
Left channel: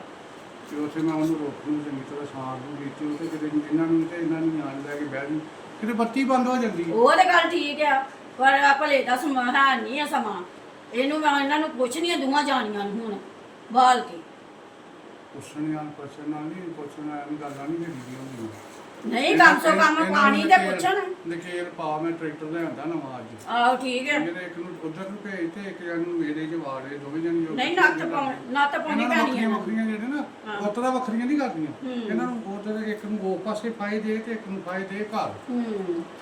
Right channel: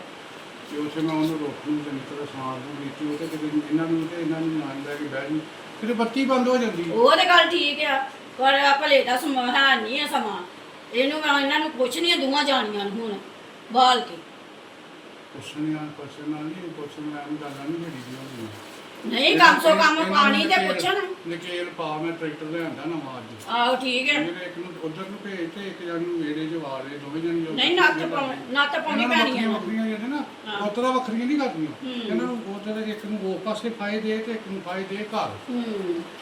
ਤੇ ਉੱਥੇ ਮੈਂ ਉਹਨੂੰ ਰੋਕ ਨੂੰ ਚੰਗੀ ਤਰ੍ਹਾਂ ਸਾਂਭ ਨੂੰ ਦਿੱਤੀ ਉਹ ਤੇ ਕਿਤੇ ਇਹਨਾਂ ਨੂੰ ਤੇ ਇਹਨਾਂ ਨੂੰ ਨਾਲ ਲੈ ਕੇ ਬਹਿ ਜੂ। ਕਿਤੇ ਬੱਤੀ ਬੰਦ ਹੋ ਜਾਂਦੀ ਹੈ ਉਹ ਤੇ ਗੱਲ ਠੀਕ ਆ। ਪਰ ਆ ਭਲੇ ਦਾ ਸਮਾਂ ਹੈ ਨਹੀਂ ਆ ਸਮਾਂ। ਇਹਨੂੰ ਮੈਂ ਇਹਨਾਂ ਨੂੰ ਪੁੱਛਣੀ ਆ ਦੋਵਾਂ ਜਾਣੀਆਂ ਨੂੰ ਹੁਣ ਬਾਲ ਕੇ। ਪੁੱਛਣੀਆਂ ਪੁੱਛਣਾ ਨਹੀਂ ਪੁੱਛਣਾ ਨਹੀਂ ਗੱਲਾਂ ਨਹੀਂ ਜਿਹੜੀ ਹੁੰਦੀ ਨਹੀਂ ਕਮ ਸੋ ਕਮ ਪਾਣੀ ਤੇ ਪੁੱਛਣ। ਨਕੇਲ ਪਾ ਮੈਂ ਟਰੈਕਟਰ ਲਿਆਂਦਾ ਨਵਾਂ ਅੱਜ। ਆਹੋ ਠੀਕ ਹੈ। ਜਿਹੜੇ ਇੱਕ ਨੂੰ ਉਧਰ ਨੂੰ ਭੇਜ ਤੇ ਇੱਕ ਜਣ ਨੂੰ ਮੇਰੇ ਚ ਵਾੜ ਲਏ ਦੋਵੇਂ ਜਣ ਜੋ ਨਹੀਂ ਨੱਤ ਪਾਉਣੀ ਨੱਤ ਪਾਉਣੀ ਨੂੰ ਪੈਣੀ ਆ ਵੱਖਰੀਆਂ ਜਿਹੜੇ ਨਾ। ਹਾਂ। ਉਤਰਾ ਵੱਖਰੀਆਂ ਨਹੀਂ ਕਰਦੀਆਂ। ਹੂੰ। ਇਹਨਾਂ ਨੂੰ ਉਧਰ ਇੱਕ ਨੂੰ ਉਹ ਪਾਸੇ ਫਾਇ ਦੇ ਤੇ ਇੱਕ ਨੂੰ ਫਾਇ ਦੇ ਘਰ। ਹੂੰ।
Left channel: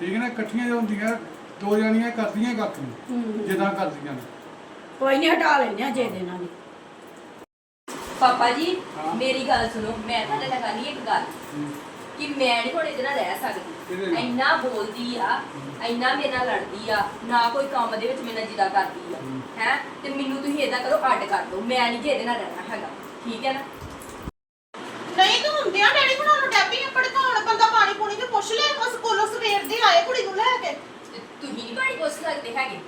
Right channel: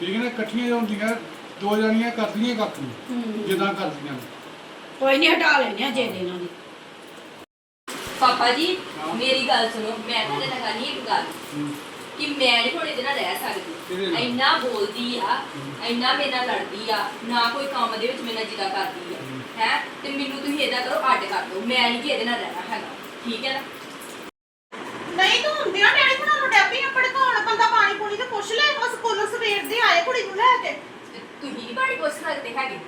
ਠੀਕ ਹੈ ਨਾ? ਇਕੱਠੀਆਂ ਜੋ ਹੁੰਦੀਆਂ ਦੋ ਜਣੀਆਂ ਕਰਦੀਆਂ ਨੂੰ ਹੂੰ। ਜਿੱਦਾਂ ਕਰਦੀਆਂ ਨੇ। ਕੋਈ ਨਹੀਂ ਹਟਾ ਲੈਣੇ ਆ ਜੇ ਦੇ ਇਹਨਾਂ ਦੀ। ਪਾਪਾ ਜੀ ਹਾਂ। ਮੇਰੀ ਗੱਲ ਸੁਣੋ ਮੈਂ ਤੁਹਾਡੇ ਨਾਲ ਕਰਨੀ ਇੱਕ ਗੱਲ। ਕਿ ਮੈਂ ਨਹੀਂ ਹੁਣ ਇਹਦੇ ਨਾਲ ਰਹਿ ਕਿਹਦੇ ਸਕਦੀ ਨਾਲ? ਇੰਨਾ ਬੋਲਦੀ ਆ ਇੰਨਾ ਮੇਰੇ ਨਾਲ ਲੜਦੀ ਆ ਨਾ ਕੋਈ ਕੰਮ ਦੇ ਵਿੱਚ ਮੇਰੇ ਨਾਲ ਜਿੱਦਾਂ ਕਰਦੀ ਆ। ਹੂੰ। ਹੈ? ਤੇ ਮੈਨੂੰ ਤੁਸੀਂ ਇਹਦਾ ਕਰੋ ਅੱਡ ਕਰ ਦਿਓ। ਮੈਂ ਨਹੀਂ ਕਿ ਇਹਦੇ ਨਾਲ ਰਹਿਣਾ ਹੈਗਾ। ਠੀਕ ਹੈ ਨਾ? ਨਹੀਂ ਤੂੰ ਹੁੰਦਿਆਂ ਡੈਡੀ ਬਣਾਉਣ ਡੈਪੀ ਆਪਣੇ ਘਰ ਬੰਦਾ ਪਾਣੀ ਪੂਣੀ ਤੇ ਪੁੱਛ ਲੈ ਉਸ ਕੋਲੋਂ ਸਵੇਰ ਦੇ ਆਏ ਕੁੜੀ ਨੂੰ ਲੈ ਕੇ। ਤੁਸੀਂ ਨਹੀਂ ਬਾੜੀ ਪੁੱਛ ਸਕਦੇ ਹੈਗੇ।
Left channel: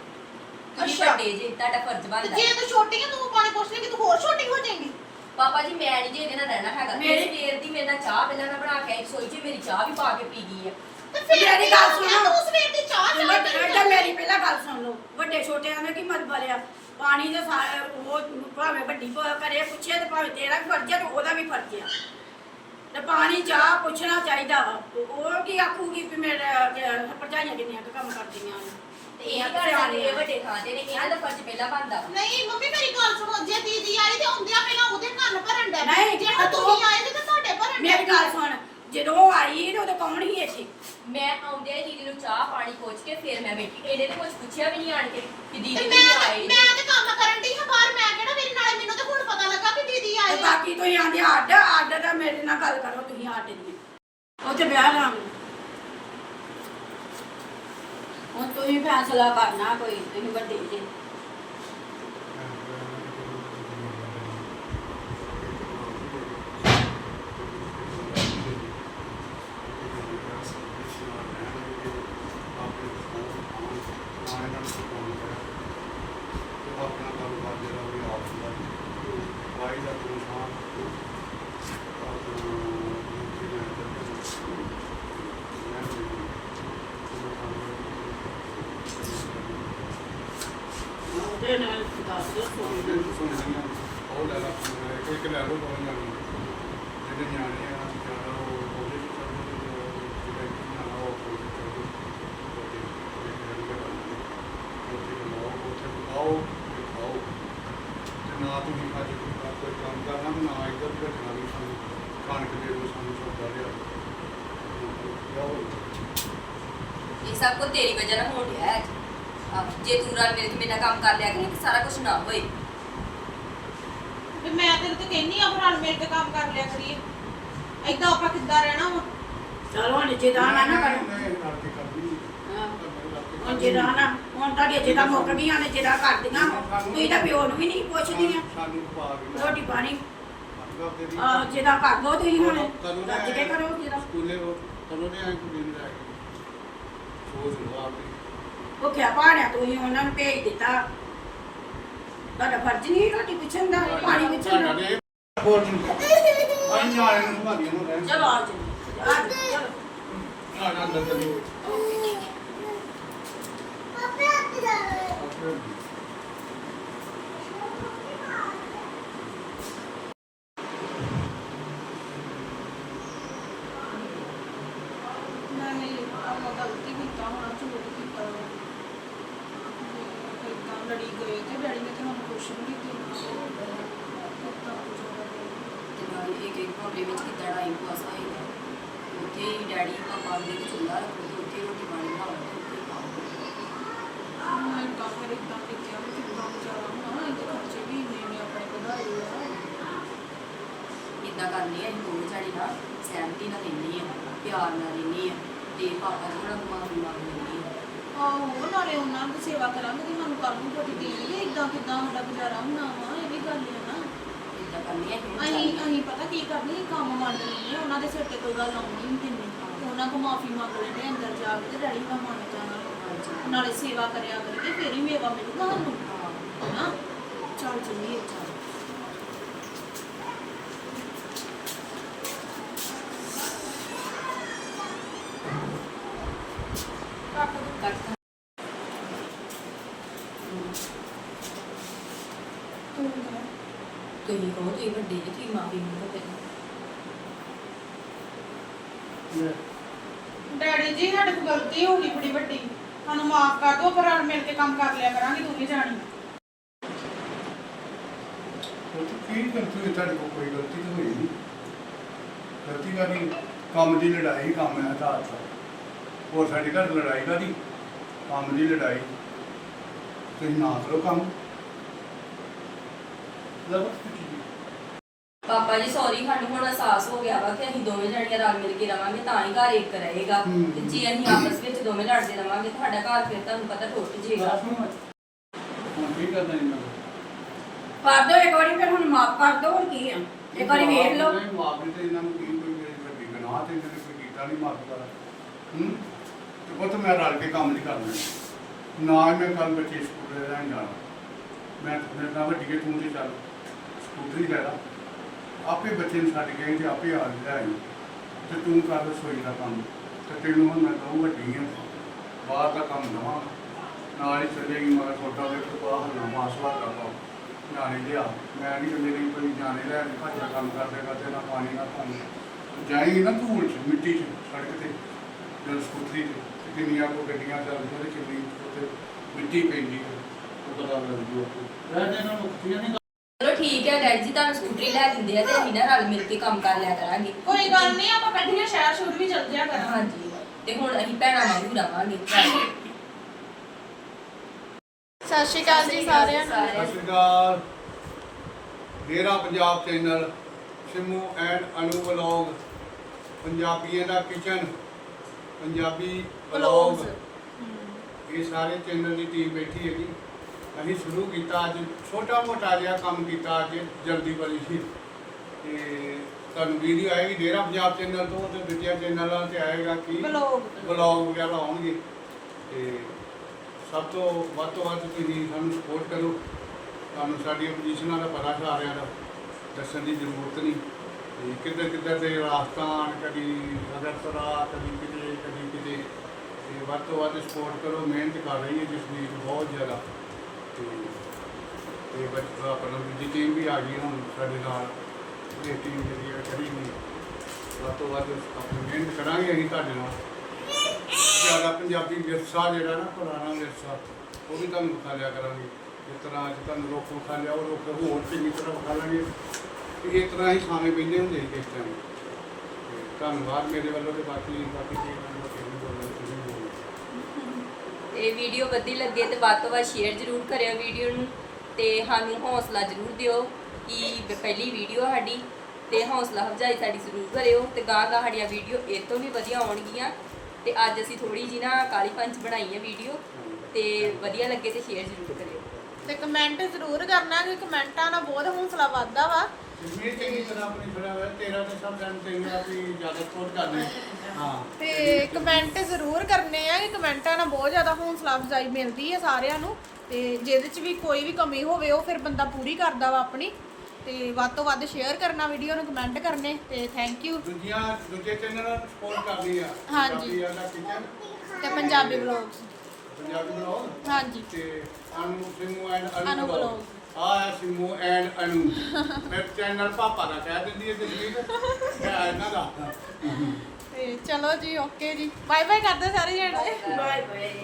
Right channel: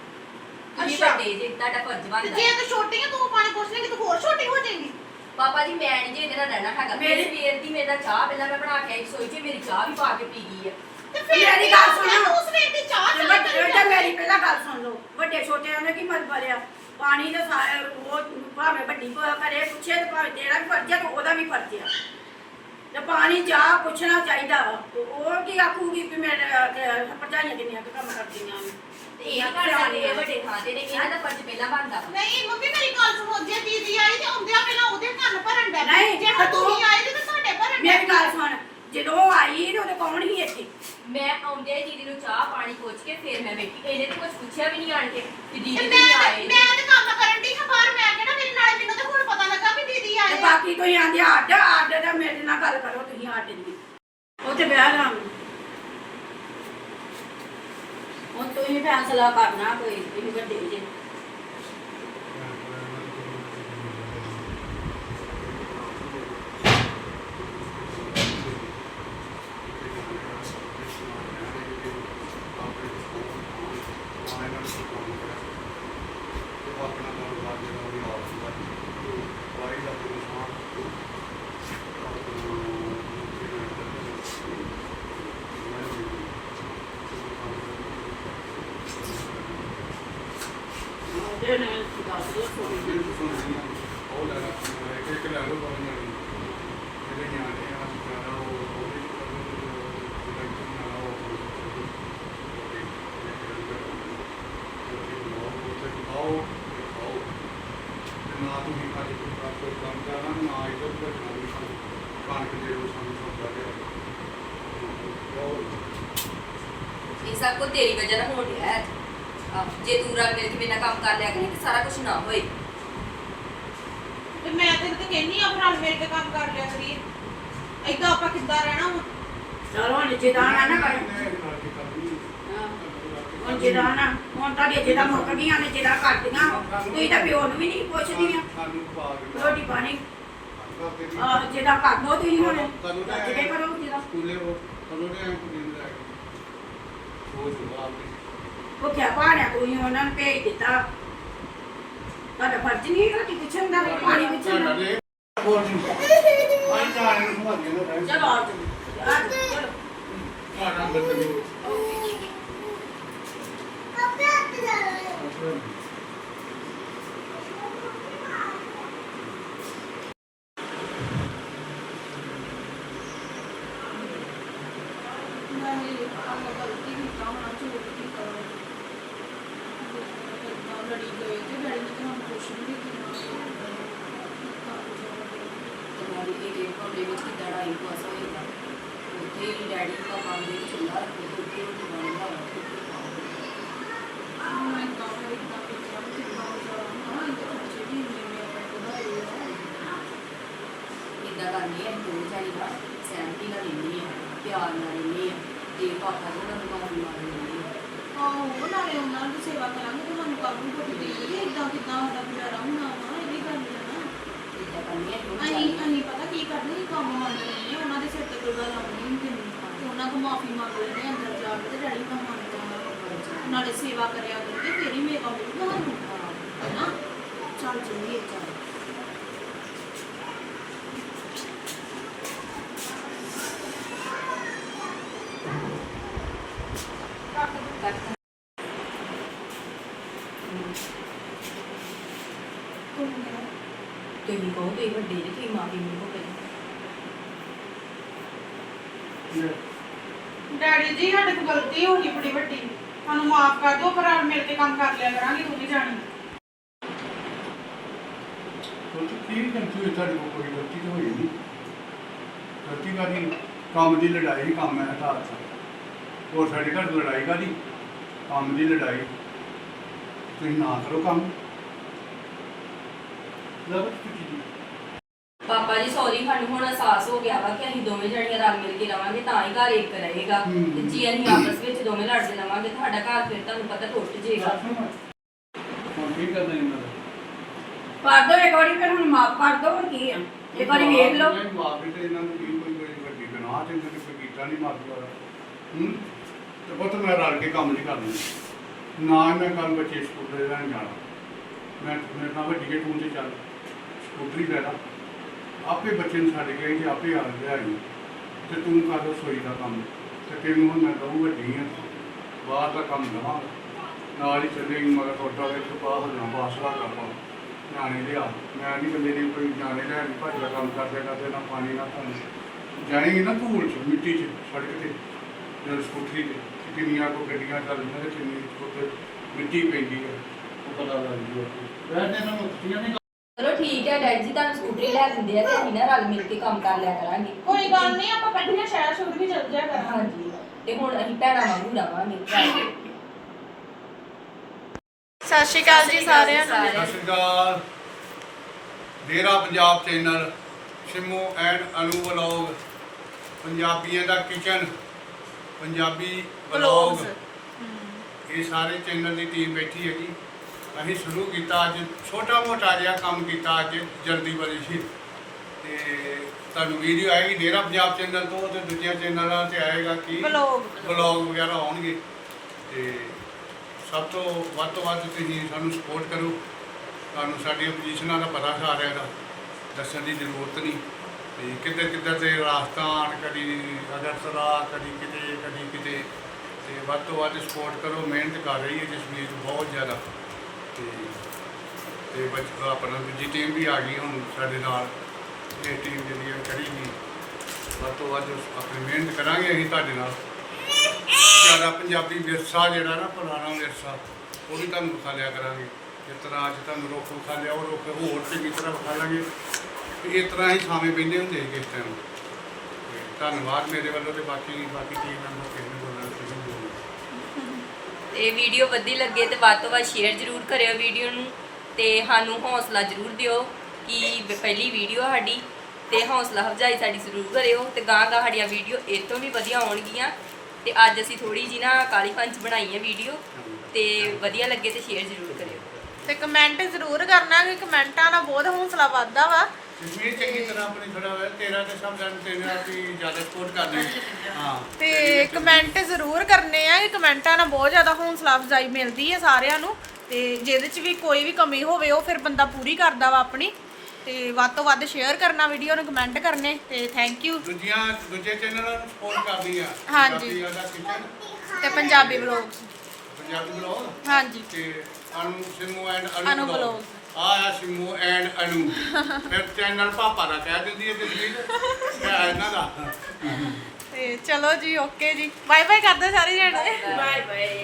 ਤੁਸੀਂ ਅੱਛਾ। ਵੱਡੇ ਜੇ ਤੁਹਾਡਾ ਫਰਜ਼ ਤੇ ਬਣਦਾ। ਜੇ ਹੈ। ਤੂੰ ਛੋਟੀ ਆ ਤੂੰ ਪਾਣੀ ਪੁੱਛ ਲੇਗੀ ਤੂੰ ਹੋਰ ਛੋਟੀ ਹੋ ਜਾਏਗੀ। ਪਾਪਾ ਜੀ ਮੈਂ ਨਹੀਂ ਜੀ ਇਹਦੇ ਨਾਲ ਰਹਿਣਾ ਹੈਗਾ। ਮੇਰੀ- ਮੇਰੀ ਸਵੇਰ ਦੀ ਮੇਰੇ ਨਾਲ ਚਾਹ ਪਹਿਲਾਂ ਮੈਂ ਬਣਾ ਕੇ ਆਈ ਸੋਈ ਚ ਮੇਰੀ ਚਾਹ ਵੀ ਪਾ ਕੇ ਪੀ ਗਈ ਆ। ਤੇ ਫਿਰ ਮੇਰੀ ਗੱਲ ਸੁਣੋ। ਤੂੰ ਸਵੇਰ ਦੀ ਚਾਹ ਚਾਹ ਵੱਡੇ ਵੱਡੇ ਮੇਰੀ ਪਹਿਲਾਂ ਗੱਲ ਸੁਣ ਲਓ। ਵੱਡੇ ਛੋਟਿਆਂ ਨੇ ਕੀ ਮਤ ਬਲਿਆ ਪਾਣੀ ਦੇ ਸਾਰੇ ਉਹ ਭਾਵੇਂ ਵੱਡੀ ਪ- ਕਰੇ ਪੁੱਛੇ ਤੇ ਭਾਵੇਂ ਤੇਰਾ ਵੀ ਫਰਜ਼ ਹੈ ਤੇ ਉਹਦਾ ਵੀ ਫਰਜ਼ ਹੈ ਤੇ ਪਾਣੀ ਜਾ ਪੁੱਛਣਾ ਚਾਹੀਦਾ ਵਾ। ਉਹ ਕੀ ਆਖੂਗੀ ਵੀ ਅਹ, ਭਰਜਾਈਆਂ ਕਿੰਨੀਆਂ ਕੁ ਕੰਮ ਕਰਦੀਆਂ ਨੇ। ਤੇ ਇਹ ਘਰ ਸਾਡੇ ਇਹ ਵੱਡੇ ਤੇ ਨੇ ਇਹਨਾਂ ਦਾ ਫਰਜ਼ ਪਹਿਲਾਂ ਬਣਦਾ ਵਾ। ਨਹੀਂ ਮੰਮੀ ਮੇਰੀ ਗੱਲ ਸੁਣੋ ਜੇ ਦੀਦੀ ਆਈ ਤੇ ਆਉਂਦਿਆਂ ਪਹਿਲਾਂ ਉਹਦੇ ਕੰਨ ਭਰਨ ਡੈ ਨਹੀਂ, ਜੇ ਤਾਂ ਤੂੰ- ਤੁਸੀਂ ਆਏ ਤੇ ਤੁਹਾਡੇ ਭਰਨ ਮੇਰੀ ਗੱਲ ਸੁਣ ਜਦੋਂ ਉਹ ਆਈ ਤੇ ਉਹਦੇ ਕੌਣ ਹੀ ਇੱਥੇ? ਮੈਂ ਆਉਂਦੇ ਹੀ ਦੀਦੀ ਨੂੰ ਚਾਹ ਪਾਣੀ ਪੁੱਛ ਕੇ ਫਿਰ ਮੈਂ ਬੈਠੀ ਇਹਨੇ ਤੇ ਕੁਝ ਪੁੱਛਿਆ ਵੀ ਨਹੀਂ ਆਣ ਕੇ ਕਿ ਦੀਦੀ ਤੇ ਨਹੀਂ ਮੈਂ ਆਏ। ਮੈਂ ਤੇ ਕੰਮ ਕਰਨ ਦੀ ਹਾਂ ਬਾਹਰ ਮੈਂ ਕਿਹੜਾ ਮੇਰੇ ਨਾਲੇ ਮੈਨੂੰ ਤੇ ਹੁਣ ਪਤਾ ਲੱਗਾ ਵੀ ਦੀਦੀ ਆਏ ਤੇ ਆ। ਬਾਕੀ ਤੁਸੀਂ ਆਂਦੇ ਅੱਡ ਅੱਡ ਦਾ ਮੇਰੇ ਨਾਲ ਗੱਲ ਕਰੋ ਤੁਸੀਂ ਅੱਡ ਦੀ ਉਹ ਤੇ ਵਿਆਹ ਲਾਂਗੇ ਹੁਣ ਤੁਸੀਂ ਫੈਸਲਾ ਕਰਨਾ ਕੋਈ, ਤੁਸੀਂ ਵੱਡੇ ਜੇ ਉਹਦੇ ਨਾਲ ਦੱਸ ਦਿਓ ਥੋੜ੍ਹੀ। ਨਾ ਤੁਸੀਂ ਸਾਡੇ ਕੋਲ ਕੋਈ ਕੰਮ ਕਰਨਾ ਤੇ ਨਾ ਇੱਧਰ ਉੱਧਰ ਜਾਣਾ ਵੀ ਸਾਨੂੰ ਕਣਕ ਦੇ ਦੋ ਸਾਨੂੰ ਸੌਦਾ ਦੇ ਇਹ ਸਭ ਕੁਝ ਤੇਰੀ ਵਜ੍ਹਾ ਨਾਲ ਹੋ ਰਿਹਾ ਹੈ ਆਹ, ਜੇ ਤੂੰ ਰਲ ਮਿਲ ਕੇ ਮੇਰੇ ਨਾਲ ਕੰਮ ਕਰ ਲਿਆ ਕਰੇ ਤੇ ਸਾਰਾ ਕੁਝ ਨਾ ਹੋਏ। ਤੇ ਮੈਂ ਤੈਨੂੰ ਤੇ ਕਹਿੰਨੀ ਆ ਰਲ ਮਿਲ ਕੇ ਕੰਮ ਕਰ ਲਿਆ ਕਰੀਏ ਏਦਾਂ ਆਪਾਂ ਕਿੱਦਾਂ ਰਹਿਣਾ ਵਾ? ਚਲੋ ਹੁਣ ਜਿੱਦਾਂ ਨਾ ਨਾ ਕਰੋ। ਹਾਂ। ਹੁਣ ਜਿੱਦਾਂ ਨਾ ਹੁਣ ਤੁਹਾਡੀਆਂ ਜਿੱਦਾਂ ਮੁੱਕ ਗਈਆਂ ਨੇ ਜਿੱਦਾਂ ਕਰਦੀਆਂ ਤੁਸੀਂ ਤਾਂ ਪਿਓ ਨੂੰ ਵੀ ਨਹੀਂ ਪੁੱਛਦੀਆਂ। ਕੇ ਰੋਟੀ ਪਾਣੀ। ਆਹ, ਜਿੱਦਾਂ ਕਰ ਦੋ ਤੁਸੀਂ ਹੁਣ। ਕੇ ਕਰੋ ਜਿੱਦਾਂ ਸਕੂਲੇ ਉਹ ਤੁਹਾਨੂੰ ਨੇ ਐਂ ਕੁੜੀ ਨੂੰ ਲੈ ਕੇ ਸੋਚ ਲਓ ਆਪਣੀ ਭੁੱਖਿਆ ਭਾਣਿਆ ਤੁਸੀਂ ਉਹਨਾਂ ਨੂੰ ਭੇਜ ਦਿੱਤਾ। ਤੁਹਾਡਾ ਫਰਜ਼ ਨਹੀਂ ਰੋਟੀ ਪੁੱਛਣ ਦਾ ਪਾਣੀ ਪੁੱਛਣ ਦਾ ਹੋਰ ਜੀ ਮੈਂ ਜਾਣੇ ਨੂੰ ਭਾਦੀਆਂ ਨੂੰ ਚਲੋ ਆ ਜਾਓ। ਆ ਜਾਓ, ਚਲੋ। ਆਣਾ ਅੰਦਰ ਤੇ ਨਹੀਂ ਆਪਾਂ ਗਲਤੀ ਕੀਤਾ ਹੋਣਾ ਝੂਠ ਕੀਤਾ ਹੋਣਾ ਏਦਾਂ ਲੜੀ ਗਏ ਤੇ ਡੈਡੀ ਨੇ ਤਾਂ ਸਾਨੂੰ ਕੁਛ ਵੀ ਨਹੀਂ ਕੀਤਾ ਏਦਾਂ ਕੁਛ ਹੋ ਗਿਆ। ਤੇ ਨਾਲ ਇਹ ਗੇਮ ਭਾਂਡੇ ਵਿੱਚ ਕਿੱਦਾਂ ਟਾਈਮ ਪਾਸ ਹੋਏਗਾ ਉੱਥੇ ਹੀ ਡੈਡੀ ਪਾਪਾ ਦੇ ਚੁੱਲ੍ਹਾ ਰੱਖੋ ਤੇ ਉੱਥੇ ਰੋਟੀ ਪਾਣੀ ਬਣਾਓ ਤੇ ਉੱਥੇ ਖਾਓ ਮੈਂ ਏਦਾਂ ਫਿਰ ਏਦਾਂ ਕੀਤਾ ਵੀ ਕਿੱਦਾਂ ਵਿਚਾਰਾ ਹੋਣਾ ਇਹਦੇ ਖਰਚੇ ਵੀ ਇੰਨੇ ਨੇ ਆਪਣੇ ਵਧਾਏ ਆ। ਇਦਾਂ ਕਰਨੀ ਹੈ ਦੋਵੇਂ ਜਾਣੀ ਨਾਲ ਸਹਿਮਤੀ ਨਾਲ ਰਹਿਣੀ ਹੈ ਪਿਆਰ ਨਾਲ ਰਹਿਣੀ ਹੈ ਤੇ ਪਾਪਾ ਜੀ ਉਹਨਾਂ ਨੂੰ ਮਾਫੀ ਮੰਗ ਲੈਣੀ ਹੈ। ਆਹੋ ਨਾਲੇ ਉਹਨਾਂ ਦੀ ਸੇਵਾ ਕਰਾਂਗੇ ਤੇ ਸਾਨੂੰ ਕੱਲ ਨੂੰ ਘੁੱਟ ਦੇਣਗੇ ਏਦਾਂ ਕਿੱਦਾਂ ਸਾਡਾ ਗੁਜ਼ਾਰਾ ਹੋਣਾ ਵਾ ਇਹ ਵੀ ਗੱਲ ਹੀ ਆ ਨਾ ਇਦਾਂ ਕਰਨੀ ਹੈ ਅਸੀਂ ਅਸੀਂ ਪਤਾ ਕੀ ਕਰਦੇ ਸੀ ਕੰਮ ਮੰਨ ਲੈਂਦੇ ਉਹਨਾਂ ਦੇ ਸਿਰ ਤੇ ਕੋਈ ਗੱਲ ਆਉਣੀ ਨਹੀਂ ਦਿੰਦੇ ਤੇ ਉਹਨਾਂ ਕੋ ਮਾਫੀ ਮੰਗ ਲੈਂਦੇ ਅੰਦਰ ਜਾ ਕੇ ਤੇ ਡੈਡੀ ਮੰਨ ਜਾਣਾ ਨਾਲੇ ਸੇਵਾ ਕਰਿਆ ਕਰਕੇ ਫੇਰ ਹੀ ਮੇਵਾ ਮਿਲੂਗਾ ਸਾਨੂੰ। ਹਨਾ? ਚੱਲ ਚੱਲੀਏ ਚੱਲ। ਤੁਸੀਂ ਤੁਸੀਂ ਵੱਡੇ ਜੇ ਤੁਸੀਂ ਮਾਫੀ ਮੰਗੋ ਪਹਿਲਾਂ ਡੈਡੀ ਜੀ ਸਾਡੇ ਕੋਲ ਗਲਤੀ ਹੋ ਗਈ ਬੜੀ ਵੱਡੀ। ਸਾਨੂੰ ਮਾਫ ਕਰ ਦਿਓ ਪਰ ਮਿਲ ਕੇ ਕੰਮ ਕਰ ਲਿਆ ਕਰਾਂਗੇ ਦੋਵੇਂ ਜਾਣੀ। ਉਹ ਕੀ ਗਲਤੀ ਹੋਈ ਤੁਹਾਡੇ ਕੋਲ ਕੋਈ ਗਲਤੀ ਤਾਂ ਹੋਈ ਨਹੀਂ? ਗਲਤੀ ਕਾਦੀ ਕੰਮ ਦੀ ਲੜਾਈ ਕੰਮ ਹੈ ਤਾਂ ਹੋਰ ਸਾਡੇ ਘਰ ਲੜਾਈ ਕਾਦੀ ਕੰਮ ਦੀ ਲੜਾਈ। ਤੁਸੀਂ ਨਾ ਕਰੋ ਕੰਮ। ਲਓ ਪਾਪਾ ਜੀ ਸੌਰੀ ਸਾਨੂੰ ਹੁਣ ਅਹਿਸਾਸ ਹੋ ਗਿਆ ਵਾ ਕਿ ਅਸੀਂ ਦੋਵੇਂ ਜਣੀਆਂ ਰਲ ਮਿਲ ਕੇ ਰਵਾਂਗੇ ਤਾਂ ਹੀ ਘਰ ਇੱਕ ਰਹੇਗਾ। ਹੂੰ। ਤੇ ਜੇ ਅਸੀਂ ਆਪਸ ਵਿੱਚ ਦੋਵੇਂ ਲੜਦੇ ਰਵਾਂਗੇ ਤੁਹਾਡਾ ਘਰ ਫਿਰ ਤੁਹਾਨੂੰ ਪਤਾ ਟੁੱਟ ਜਾਏਗਾ। ਹੁਣ ਕੀ ਕਰਨਾ ਇਹਨਾਂ ਦਾ ਕਰ ਦੋ ਇੱਕ ਵਾਰੀ ਫਿਰ ਹੁਣ ਮਾਫ ਕਰ ਦੋ ਹੁਣ ਕੀ ਆ? ਇੱਕ ਵਾਰੀ ਵੇਖ ਲਓ। ਨਹੀਂ ਮਾਫੀ ਤੇ ਇਹਨਾਂ ਨੂੰ ਕੀ ਕੋਈ ਕੋਈ ਵੱਡੀ ਗੁਨਾਹ ਤੇ ਇਹਨਾਂ ਨੇ ਕੋਈ ਕੀਤਾ ਨਹੀਂ ਮਾਫ ਕਰ ਹੂੰ? ਤੇ ਪੁੱਤ ਮੈਂ ਰਲ ਕੇ ਕੰਮ ਨਹੀਂ ਕਰਨਾ। ਨਾ ਹੀ ਮੈਂ ਕੱਲ ਬੱਚੇ ਸਕੂਟਰ ਲੈਣ ਜਾਣਾ। ਮੈਂ ਮੇਰੇ ਨਾਲ ਵੱਡੀ ਕੇ ਤੂੰ ਤੇ ਚੱਲ। ਸਕੂਟਰੀ ਲੈ ਲਾ। ਆਪੇ ਬੱਚੇ ਨੂੰ ਛੱਡ ਕੇ ਆਈ ਤੇ ਆਪੇ ਆ ਜਾਈ ਤੇ ਤੂੰ ਕਰ ਰਸੋਈ ਦਾ ਕੰਮ। ਤੇ ਤੈਨੂੰ ਹੁਣ ਮੈਂ ਕਹੂੰ ਵੱਡੀ ਹਾਂ। ਬਾਹਰ ਦਾ ਕੰਮ ਦਵਾਂ ਨਾਲ ਹੀ ਚੱਲੇਗੀ ਮਗਰ ਤੁਹਾਡਾ ਵੀ ਤੋਂ ਬਾਹਰ ਨਾ ਮਾਸਲਾ ਕਰਦਾ ਜਾਣੇ ਲਿਆ। ਮੈਂ ਨਹੀਂ ਕਹਿੰਦੇ ਨਹੀਂ ਕੋਈ ਜਾਣੇ ਲਿਆ ਭੱਜ ਦਾ ਕੰਮ ਕਰਦੇ ਕਰਦੇ ਨਾ ਪਾਣੀ ਨਾ ਤੁਹਾਨੂੰ ਜਾਏਗੀ ਨਾ ਧੂਲ ਚ, ਮਿੱਟੀ ਚ, ਸੜਕ ਤੇ, ਜਾਂ ਸਕੂਟਰੀ ਤੇ। ਕਿੰਨੀਆਂ ਕੋ ਗੱਡੀਆਂ ਚੱਲਦੀਆਂ ਤੇ ਕਿੰਨੀ ਉੱਥੇ ਮਿੱਟੀ ਪੈਂਦੀ ਹੈ। ਉਹ ਪਤਾ ਲੱਗਦੀ ਹੈ ਵੈਸੇ ਇਹਨਾਂ ਨੂੰ ਚਲੋ ਠੀਕ ਹੈ ਡੈਡੀ ਜੀ ਤੁਹਾਨੂੰ ਸਕੂਟਰੀ ਲੈ ਦਿੰਦੇ ਆ ਤੇ ਅਸੀਂ ਨਾ ਰਲ ਮਿਲ ਕੇ ਕੰਮ ਕਰ ਲਿਆ ਕਰਾਂਗੇ। ਕੋਈ ਗੱਲ ਨਹੀਂ ਆਪਾਂ ਕੱਢੀਆਂ ਸ਼ਹਿਰ ਸ਼ੁਰੂ ਵੀ ਚੱਲ ਜਿਆ ਕਰਾਂਗੇ। ਹਾਂਜੀ ਤੇ ਹੁਣ ਅਸੀਂ ਭੈਣਾਂ ਵਾਂਗੂ ਰਵਾਂਗੇ। ਸਤਿ ਸ਼੍ਰੀ ਅਕਾਲ ਜੀ ਸਾਰਿਆਂ ਨੂੰ। ਸਤਿ ਸ਼੍ਰੀ ਅਕਾਲ। ਡੇਰਾ Punjab channel Shimu and Anu vlog ਪੰਜਾਬੀਆਂ ਦਾ ਕਿਚਨ ਪੰਜਾਬੀ ਵਲੌਗ। ਇਹ ਸਾਰੇ ਚੈਨਲ ਦੀ ਟੀਮ ਬੈਠੀ ਹੈਗੀ। ਅਸੀਂ ਸ਼ੁਰੂ ਕੀਤਾ ਅੱਜ ਛੋਟਾ ਮੋਟਾ ਜਿਹਾ ਕੰਮ ਕੀਤਾ ਅੱਜ ਜਲਦੀ ਬੜੀ ਸੀ ਤੇ ਤੁਹਾਨੂੰ ਵੀਡੀਓ ਆਏਗੀ ਡੇਰਾ ਪੰਜਾਬ ਚੈਨਲ ਤੋਂ ਤੇ ਦੂਜਿਆਂ ਚੈਨਲਾਂ ਤੇ ਆਏਗਾ ਕੀ ਵਲੌਗ ਵਗੈਰਾ ਆਉਣਗੇ। ਤੇ ਸਭ ਤੋਂ ਵੱਧ ਤੋਂ ਵੱਧ ਤੁਸੀਂ ਸਾਨੂੰ ਸਪੋਰਟ ਕਰੋ। ਤੁਹਾਨੂੰ ਸਾਡੀਆਂ ਪੋਜੀਸ਼ਨਾਂ ਦਾ ਪਤਾ ਸਾਰਿਆਂ ਦਾ। ਦੱਸਣ ਦੀ ਜ਼ਰੂਰਤ ਨਹੀਂ। ਤੇ ਕਿੱਧਰ ਕਿੱਧਰ ਦੇ ਰਾਜਸਥਾਨ ਕਦੀ ਅਗਰਤਲਾ ਕਦੀ ਕਿਤੇ ਕਦੀ ਕਿਤੇ। ਤੇ ਵੱਧ ਤੋਂ ਵੱਧ ਸਪੋਰਟ ਕਰੋ। ਮਿਹਨਤ ਕਰ ਰਹੀ ਹੈ ਜਸਮੀਤ ਬਹੁਤ ਜ਼ਿਆਦਾ। ਤੇ ਤੇ ਬੱਚ ਆਪਣਾ ਦੂਜੀ ਟੀਮ ਵੀ ਆ ਗਈ ਹੁਣ ਸਾਡੇ ਨਾਲ। ਇਹ ਟੀਮ ਜਿਹੜੀ ਆ ਖੜੀ ਨਹੀਂ ਵੱਧ ਤੋਂ ਵੱਧ ਆਪਣੀ ਮਿਹਨਤ ਕਰਾਂਗੇ ਅਸੀਂ ਤੁਹਾਡੇ ਨਾਲ। ਸਾਡਾ ਪੰਜਾਬੀ ਵਿਰਸਾ ਜਿਹੜਾ ਨਾ, ਪੁਰਾਣਾ ਵਿਰਸਾ, ਉਹ ਵੀ ਤੁਹਾਨੂੰ ਵਿਖਾ ਲਿਆ ਕਰਾਂਗੇ। ਜਿਸ ਤਰ੍ਹਾਂ ਅੱਜ ਤੁਹਾਨੂੰ ਰੁੱਖ ਵਿਖਾ ਲਿਆ, ਉਹ ਰੁੱਖ ਹੋਰ ਚੰਗੀ ਤਰ੍ਹਾਂ ਵਿਖਾ ਲਾਂਗੇ। ਤੇ ਇਸ ਤਰ੍ਹਾਂ ਹੀ ਥਾਵੇਂ ਬੈਠੇ ਹੁੰਦੇ ਸੀ ਕਿਸ ਟਾਈਮ ਤੇ ਧੰਨਵਾਦ ਮੇਰੇ ਵੱਲੋਂ ਤੇ ਬਾਕੀ ਬਾਕੀ ਟੀਮ ਮੈਂਬਰ ਕਿਹਨੇ ਤੇ ਵੀਡੀਓ ਵਧੀਆ ਲੱਗੇ ਤੇ ਵੱਧ ਤੋਂ ਵੱਧ ਸ਼ੇਅਰ ਜ਼ਰੂਰ ਕਰਿਓ ਵੀਡੀਓ ਨੂੰ ਤੇ ਸਾਨੂੰ ਹੌਸਲਾ ਜ਼ਰੂਰ ਦਿਓ ਕਿ ਪਹਿਲੀ ਵੀਡੀਓ ਸਾਡੀ ਤੇ ਹੌਸਲਾ ਅਫਜ਼ਾਈ ਸਾਡੀ ਜ਼ਰੂਰ ਕਰਿਓ ਤੇ ਗਾਂ ਗਾਂ ਸਾਡੀਆਂ ਵੀਡੀਓ ਇਹ ਤੋਂ ਵੀ ਵਧੀਆ ਆਉਣਗੀਆਂ ਤੇ ਅੱਜ ਅਸੀਂ ਥੋੜੀ ਜੀ ਨਾ ਕਾਲੀ ਪੰਚ ਬਣਾਈ ਹੈ ਵੀਡੀਓ ਤੇ ਵਧੀਆ ਲੱਗੇ ਤੇ ਸ਼ੇਅਰ ਜ਼ਰੂਰ ਕਰਿਓ। ਤੇ ਕਮੈਂਟ ਜ਼ਰੂਰ ਕਰਨਾ ਕਿ ਕਮੈਂਟਾਂ ਨਾਲ ਬਹੁਤ ਹੌਸਲਾ ਵੱਧਦਾ ਵਾ। ਜਸਮੀਰ ਚੰਗੀ ਤਰ੍ਹਾਂ ਆਪਣੀ ਖੜਾ ਹੋਇਆ ਤੇਰਾ ਤੇ ਸਭ ਜਾਣ ਤੇਰਾ ਵੀ ਜ਼ਿਆਦਾ ਸਪੋਰਟ ਕਰਨੇ ਹਾਂ। ਤੇ ਕਮੈਂਟ ਜ਼ਰੂਰ ਕਰਨੇ ਆ ਇਹ ਕਮੈਂਟਾਂ ਨਾਲ ਬਹੁਤ ਜ਼ਿਆਦਾ ਹੌਸਲਾ ਅਫਜ਼ਾਈ ਮਿਲਦੀ ਹੈ ਸਾਰਿਆਂ ਨੂੰ। ਤੇ ਜਿਹਦੇ 'ਚ ਵੀ ਕੋਈ ਵੀ ਕਮੀ ਹੋਵੇ ਉਹ ਫਿਰ ਬੰਦਾ ਪੂਰੀ ਕਰਦਾ ਵਾ ਆਪਣੀ। ਤੇ ਵੱਧ ਤੋਂ ਵੱਧ ਸ਼ੇਅਰ ਕਰਨਾ ਵੀਡੀਓ ਨੂੰ ਕਮੈਂਟ ਕਰਨੇ। ਤੇ ਥੈਂਕ ਯੂ ਦੂਜੀਆਂ ਦੂਜੇ ਚੈਨਲਾਂ ਨੂੰ ਸਪੋਰਟ ਕਰਨੀ ਆ। ਹਾਂਜੀ। ਪੰਜਾਬੀ ਆਦਾ ਕਿਚਨ ਤੇ ਪੰਜਾਬੀ ਵਲੌਗਸ ਪੰਜਾਬੀ ਬਲੌਗ ਹਾਂਜੀ। ਤੇ ਅਨੂ ਸਿਮੂ ਐਂਡ ਅਨੂ ਅਨੂ ਬਲੌਗ। ਆ ਆ ਸਿਮੂ ਐਂਡ ਅਨੂ। ਫਿਰ ਚੈਨਲ ਪਾਪਾ ਦਾ ਕਹਿ ਦਿੰਦੀ ਹੈ ਜਸਵੀਰ ਮੈਂ ਇਹਨਾਂ ਦਾ। ਤੇ ਚਲੋ ਜੀ ਓਕੇ ਜੀ। ਬਾਏ ਬਾਏ ਕਰਦੇ ਸਾਰੇ ਜਣੇ। Bye bye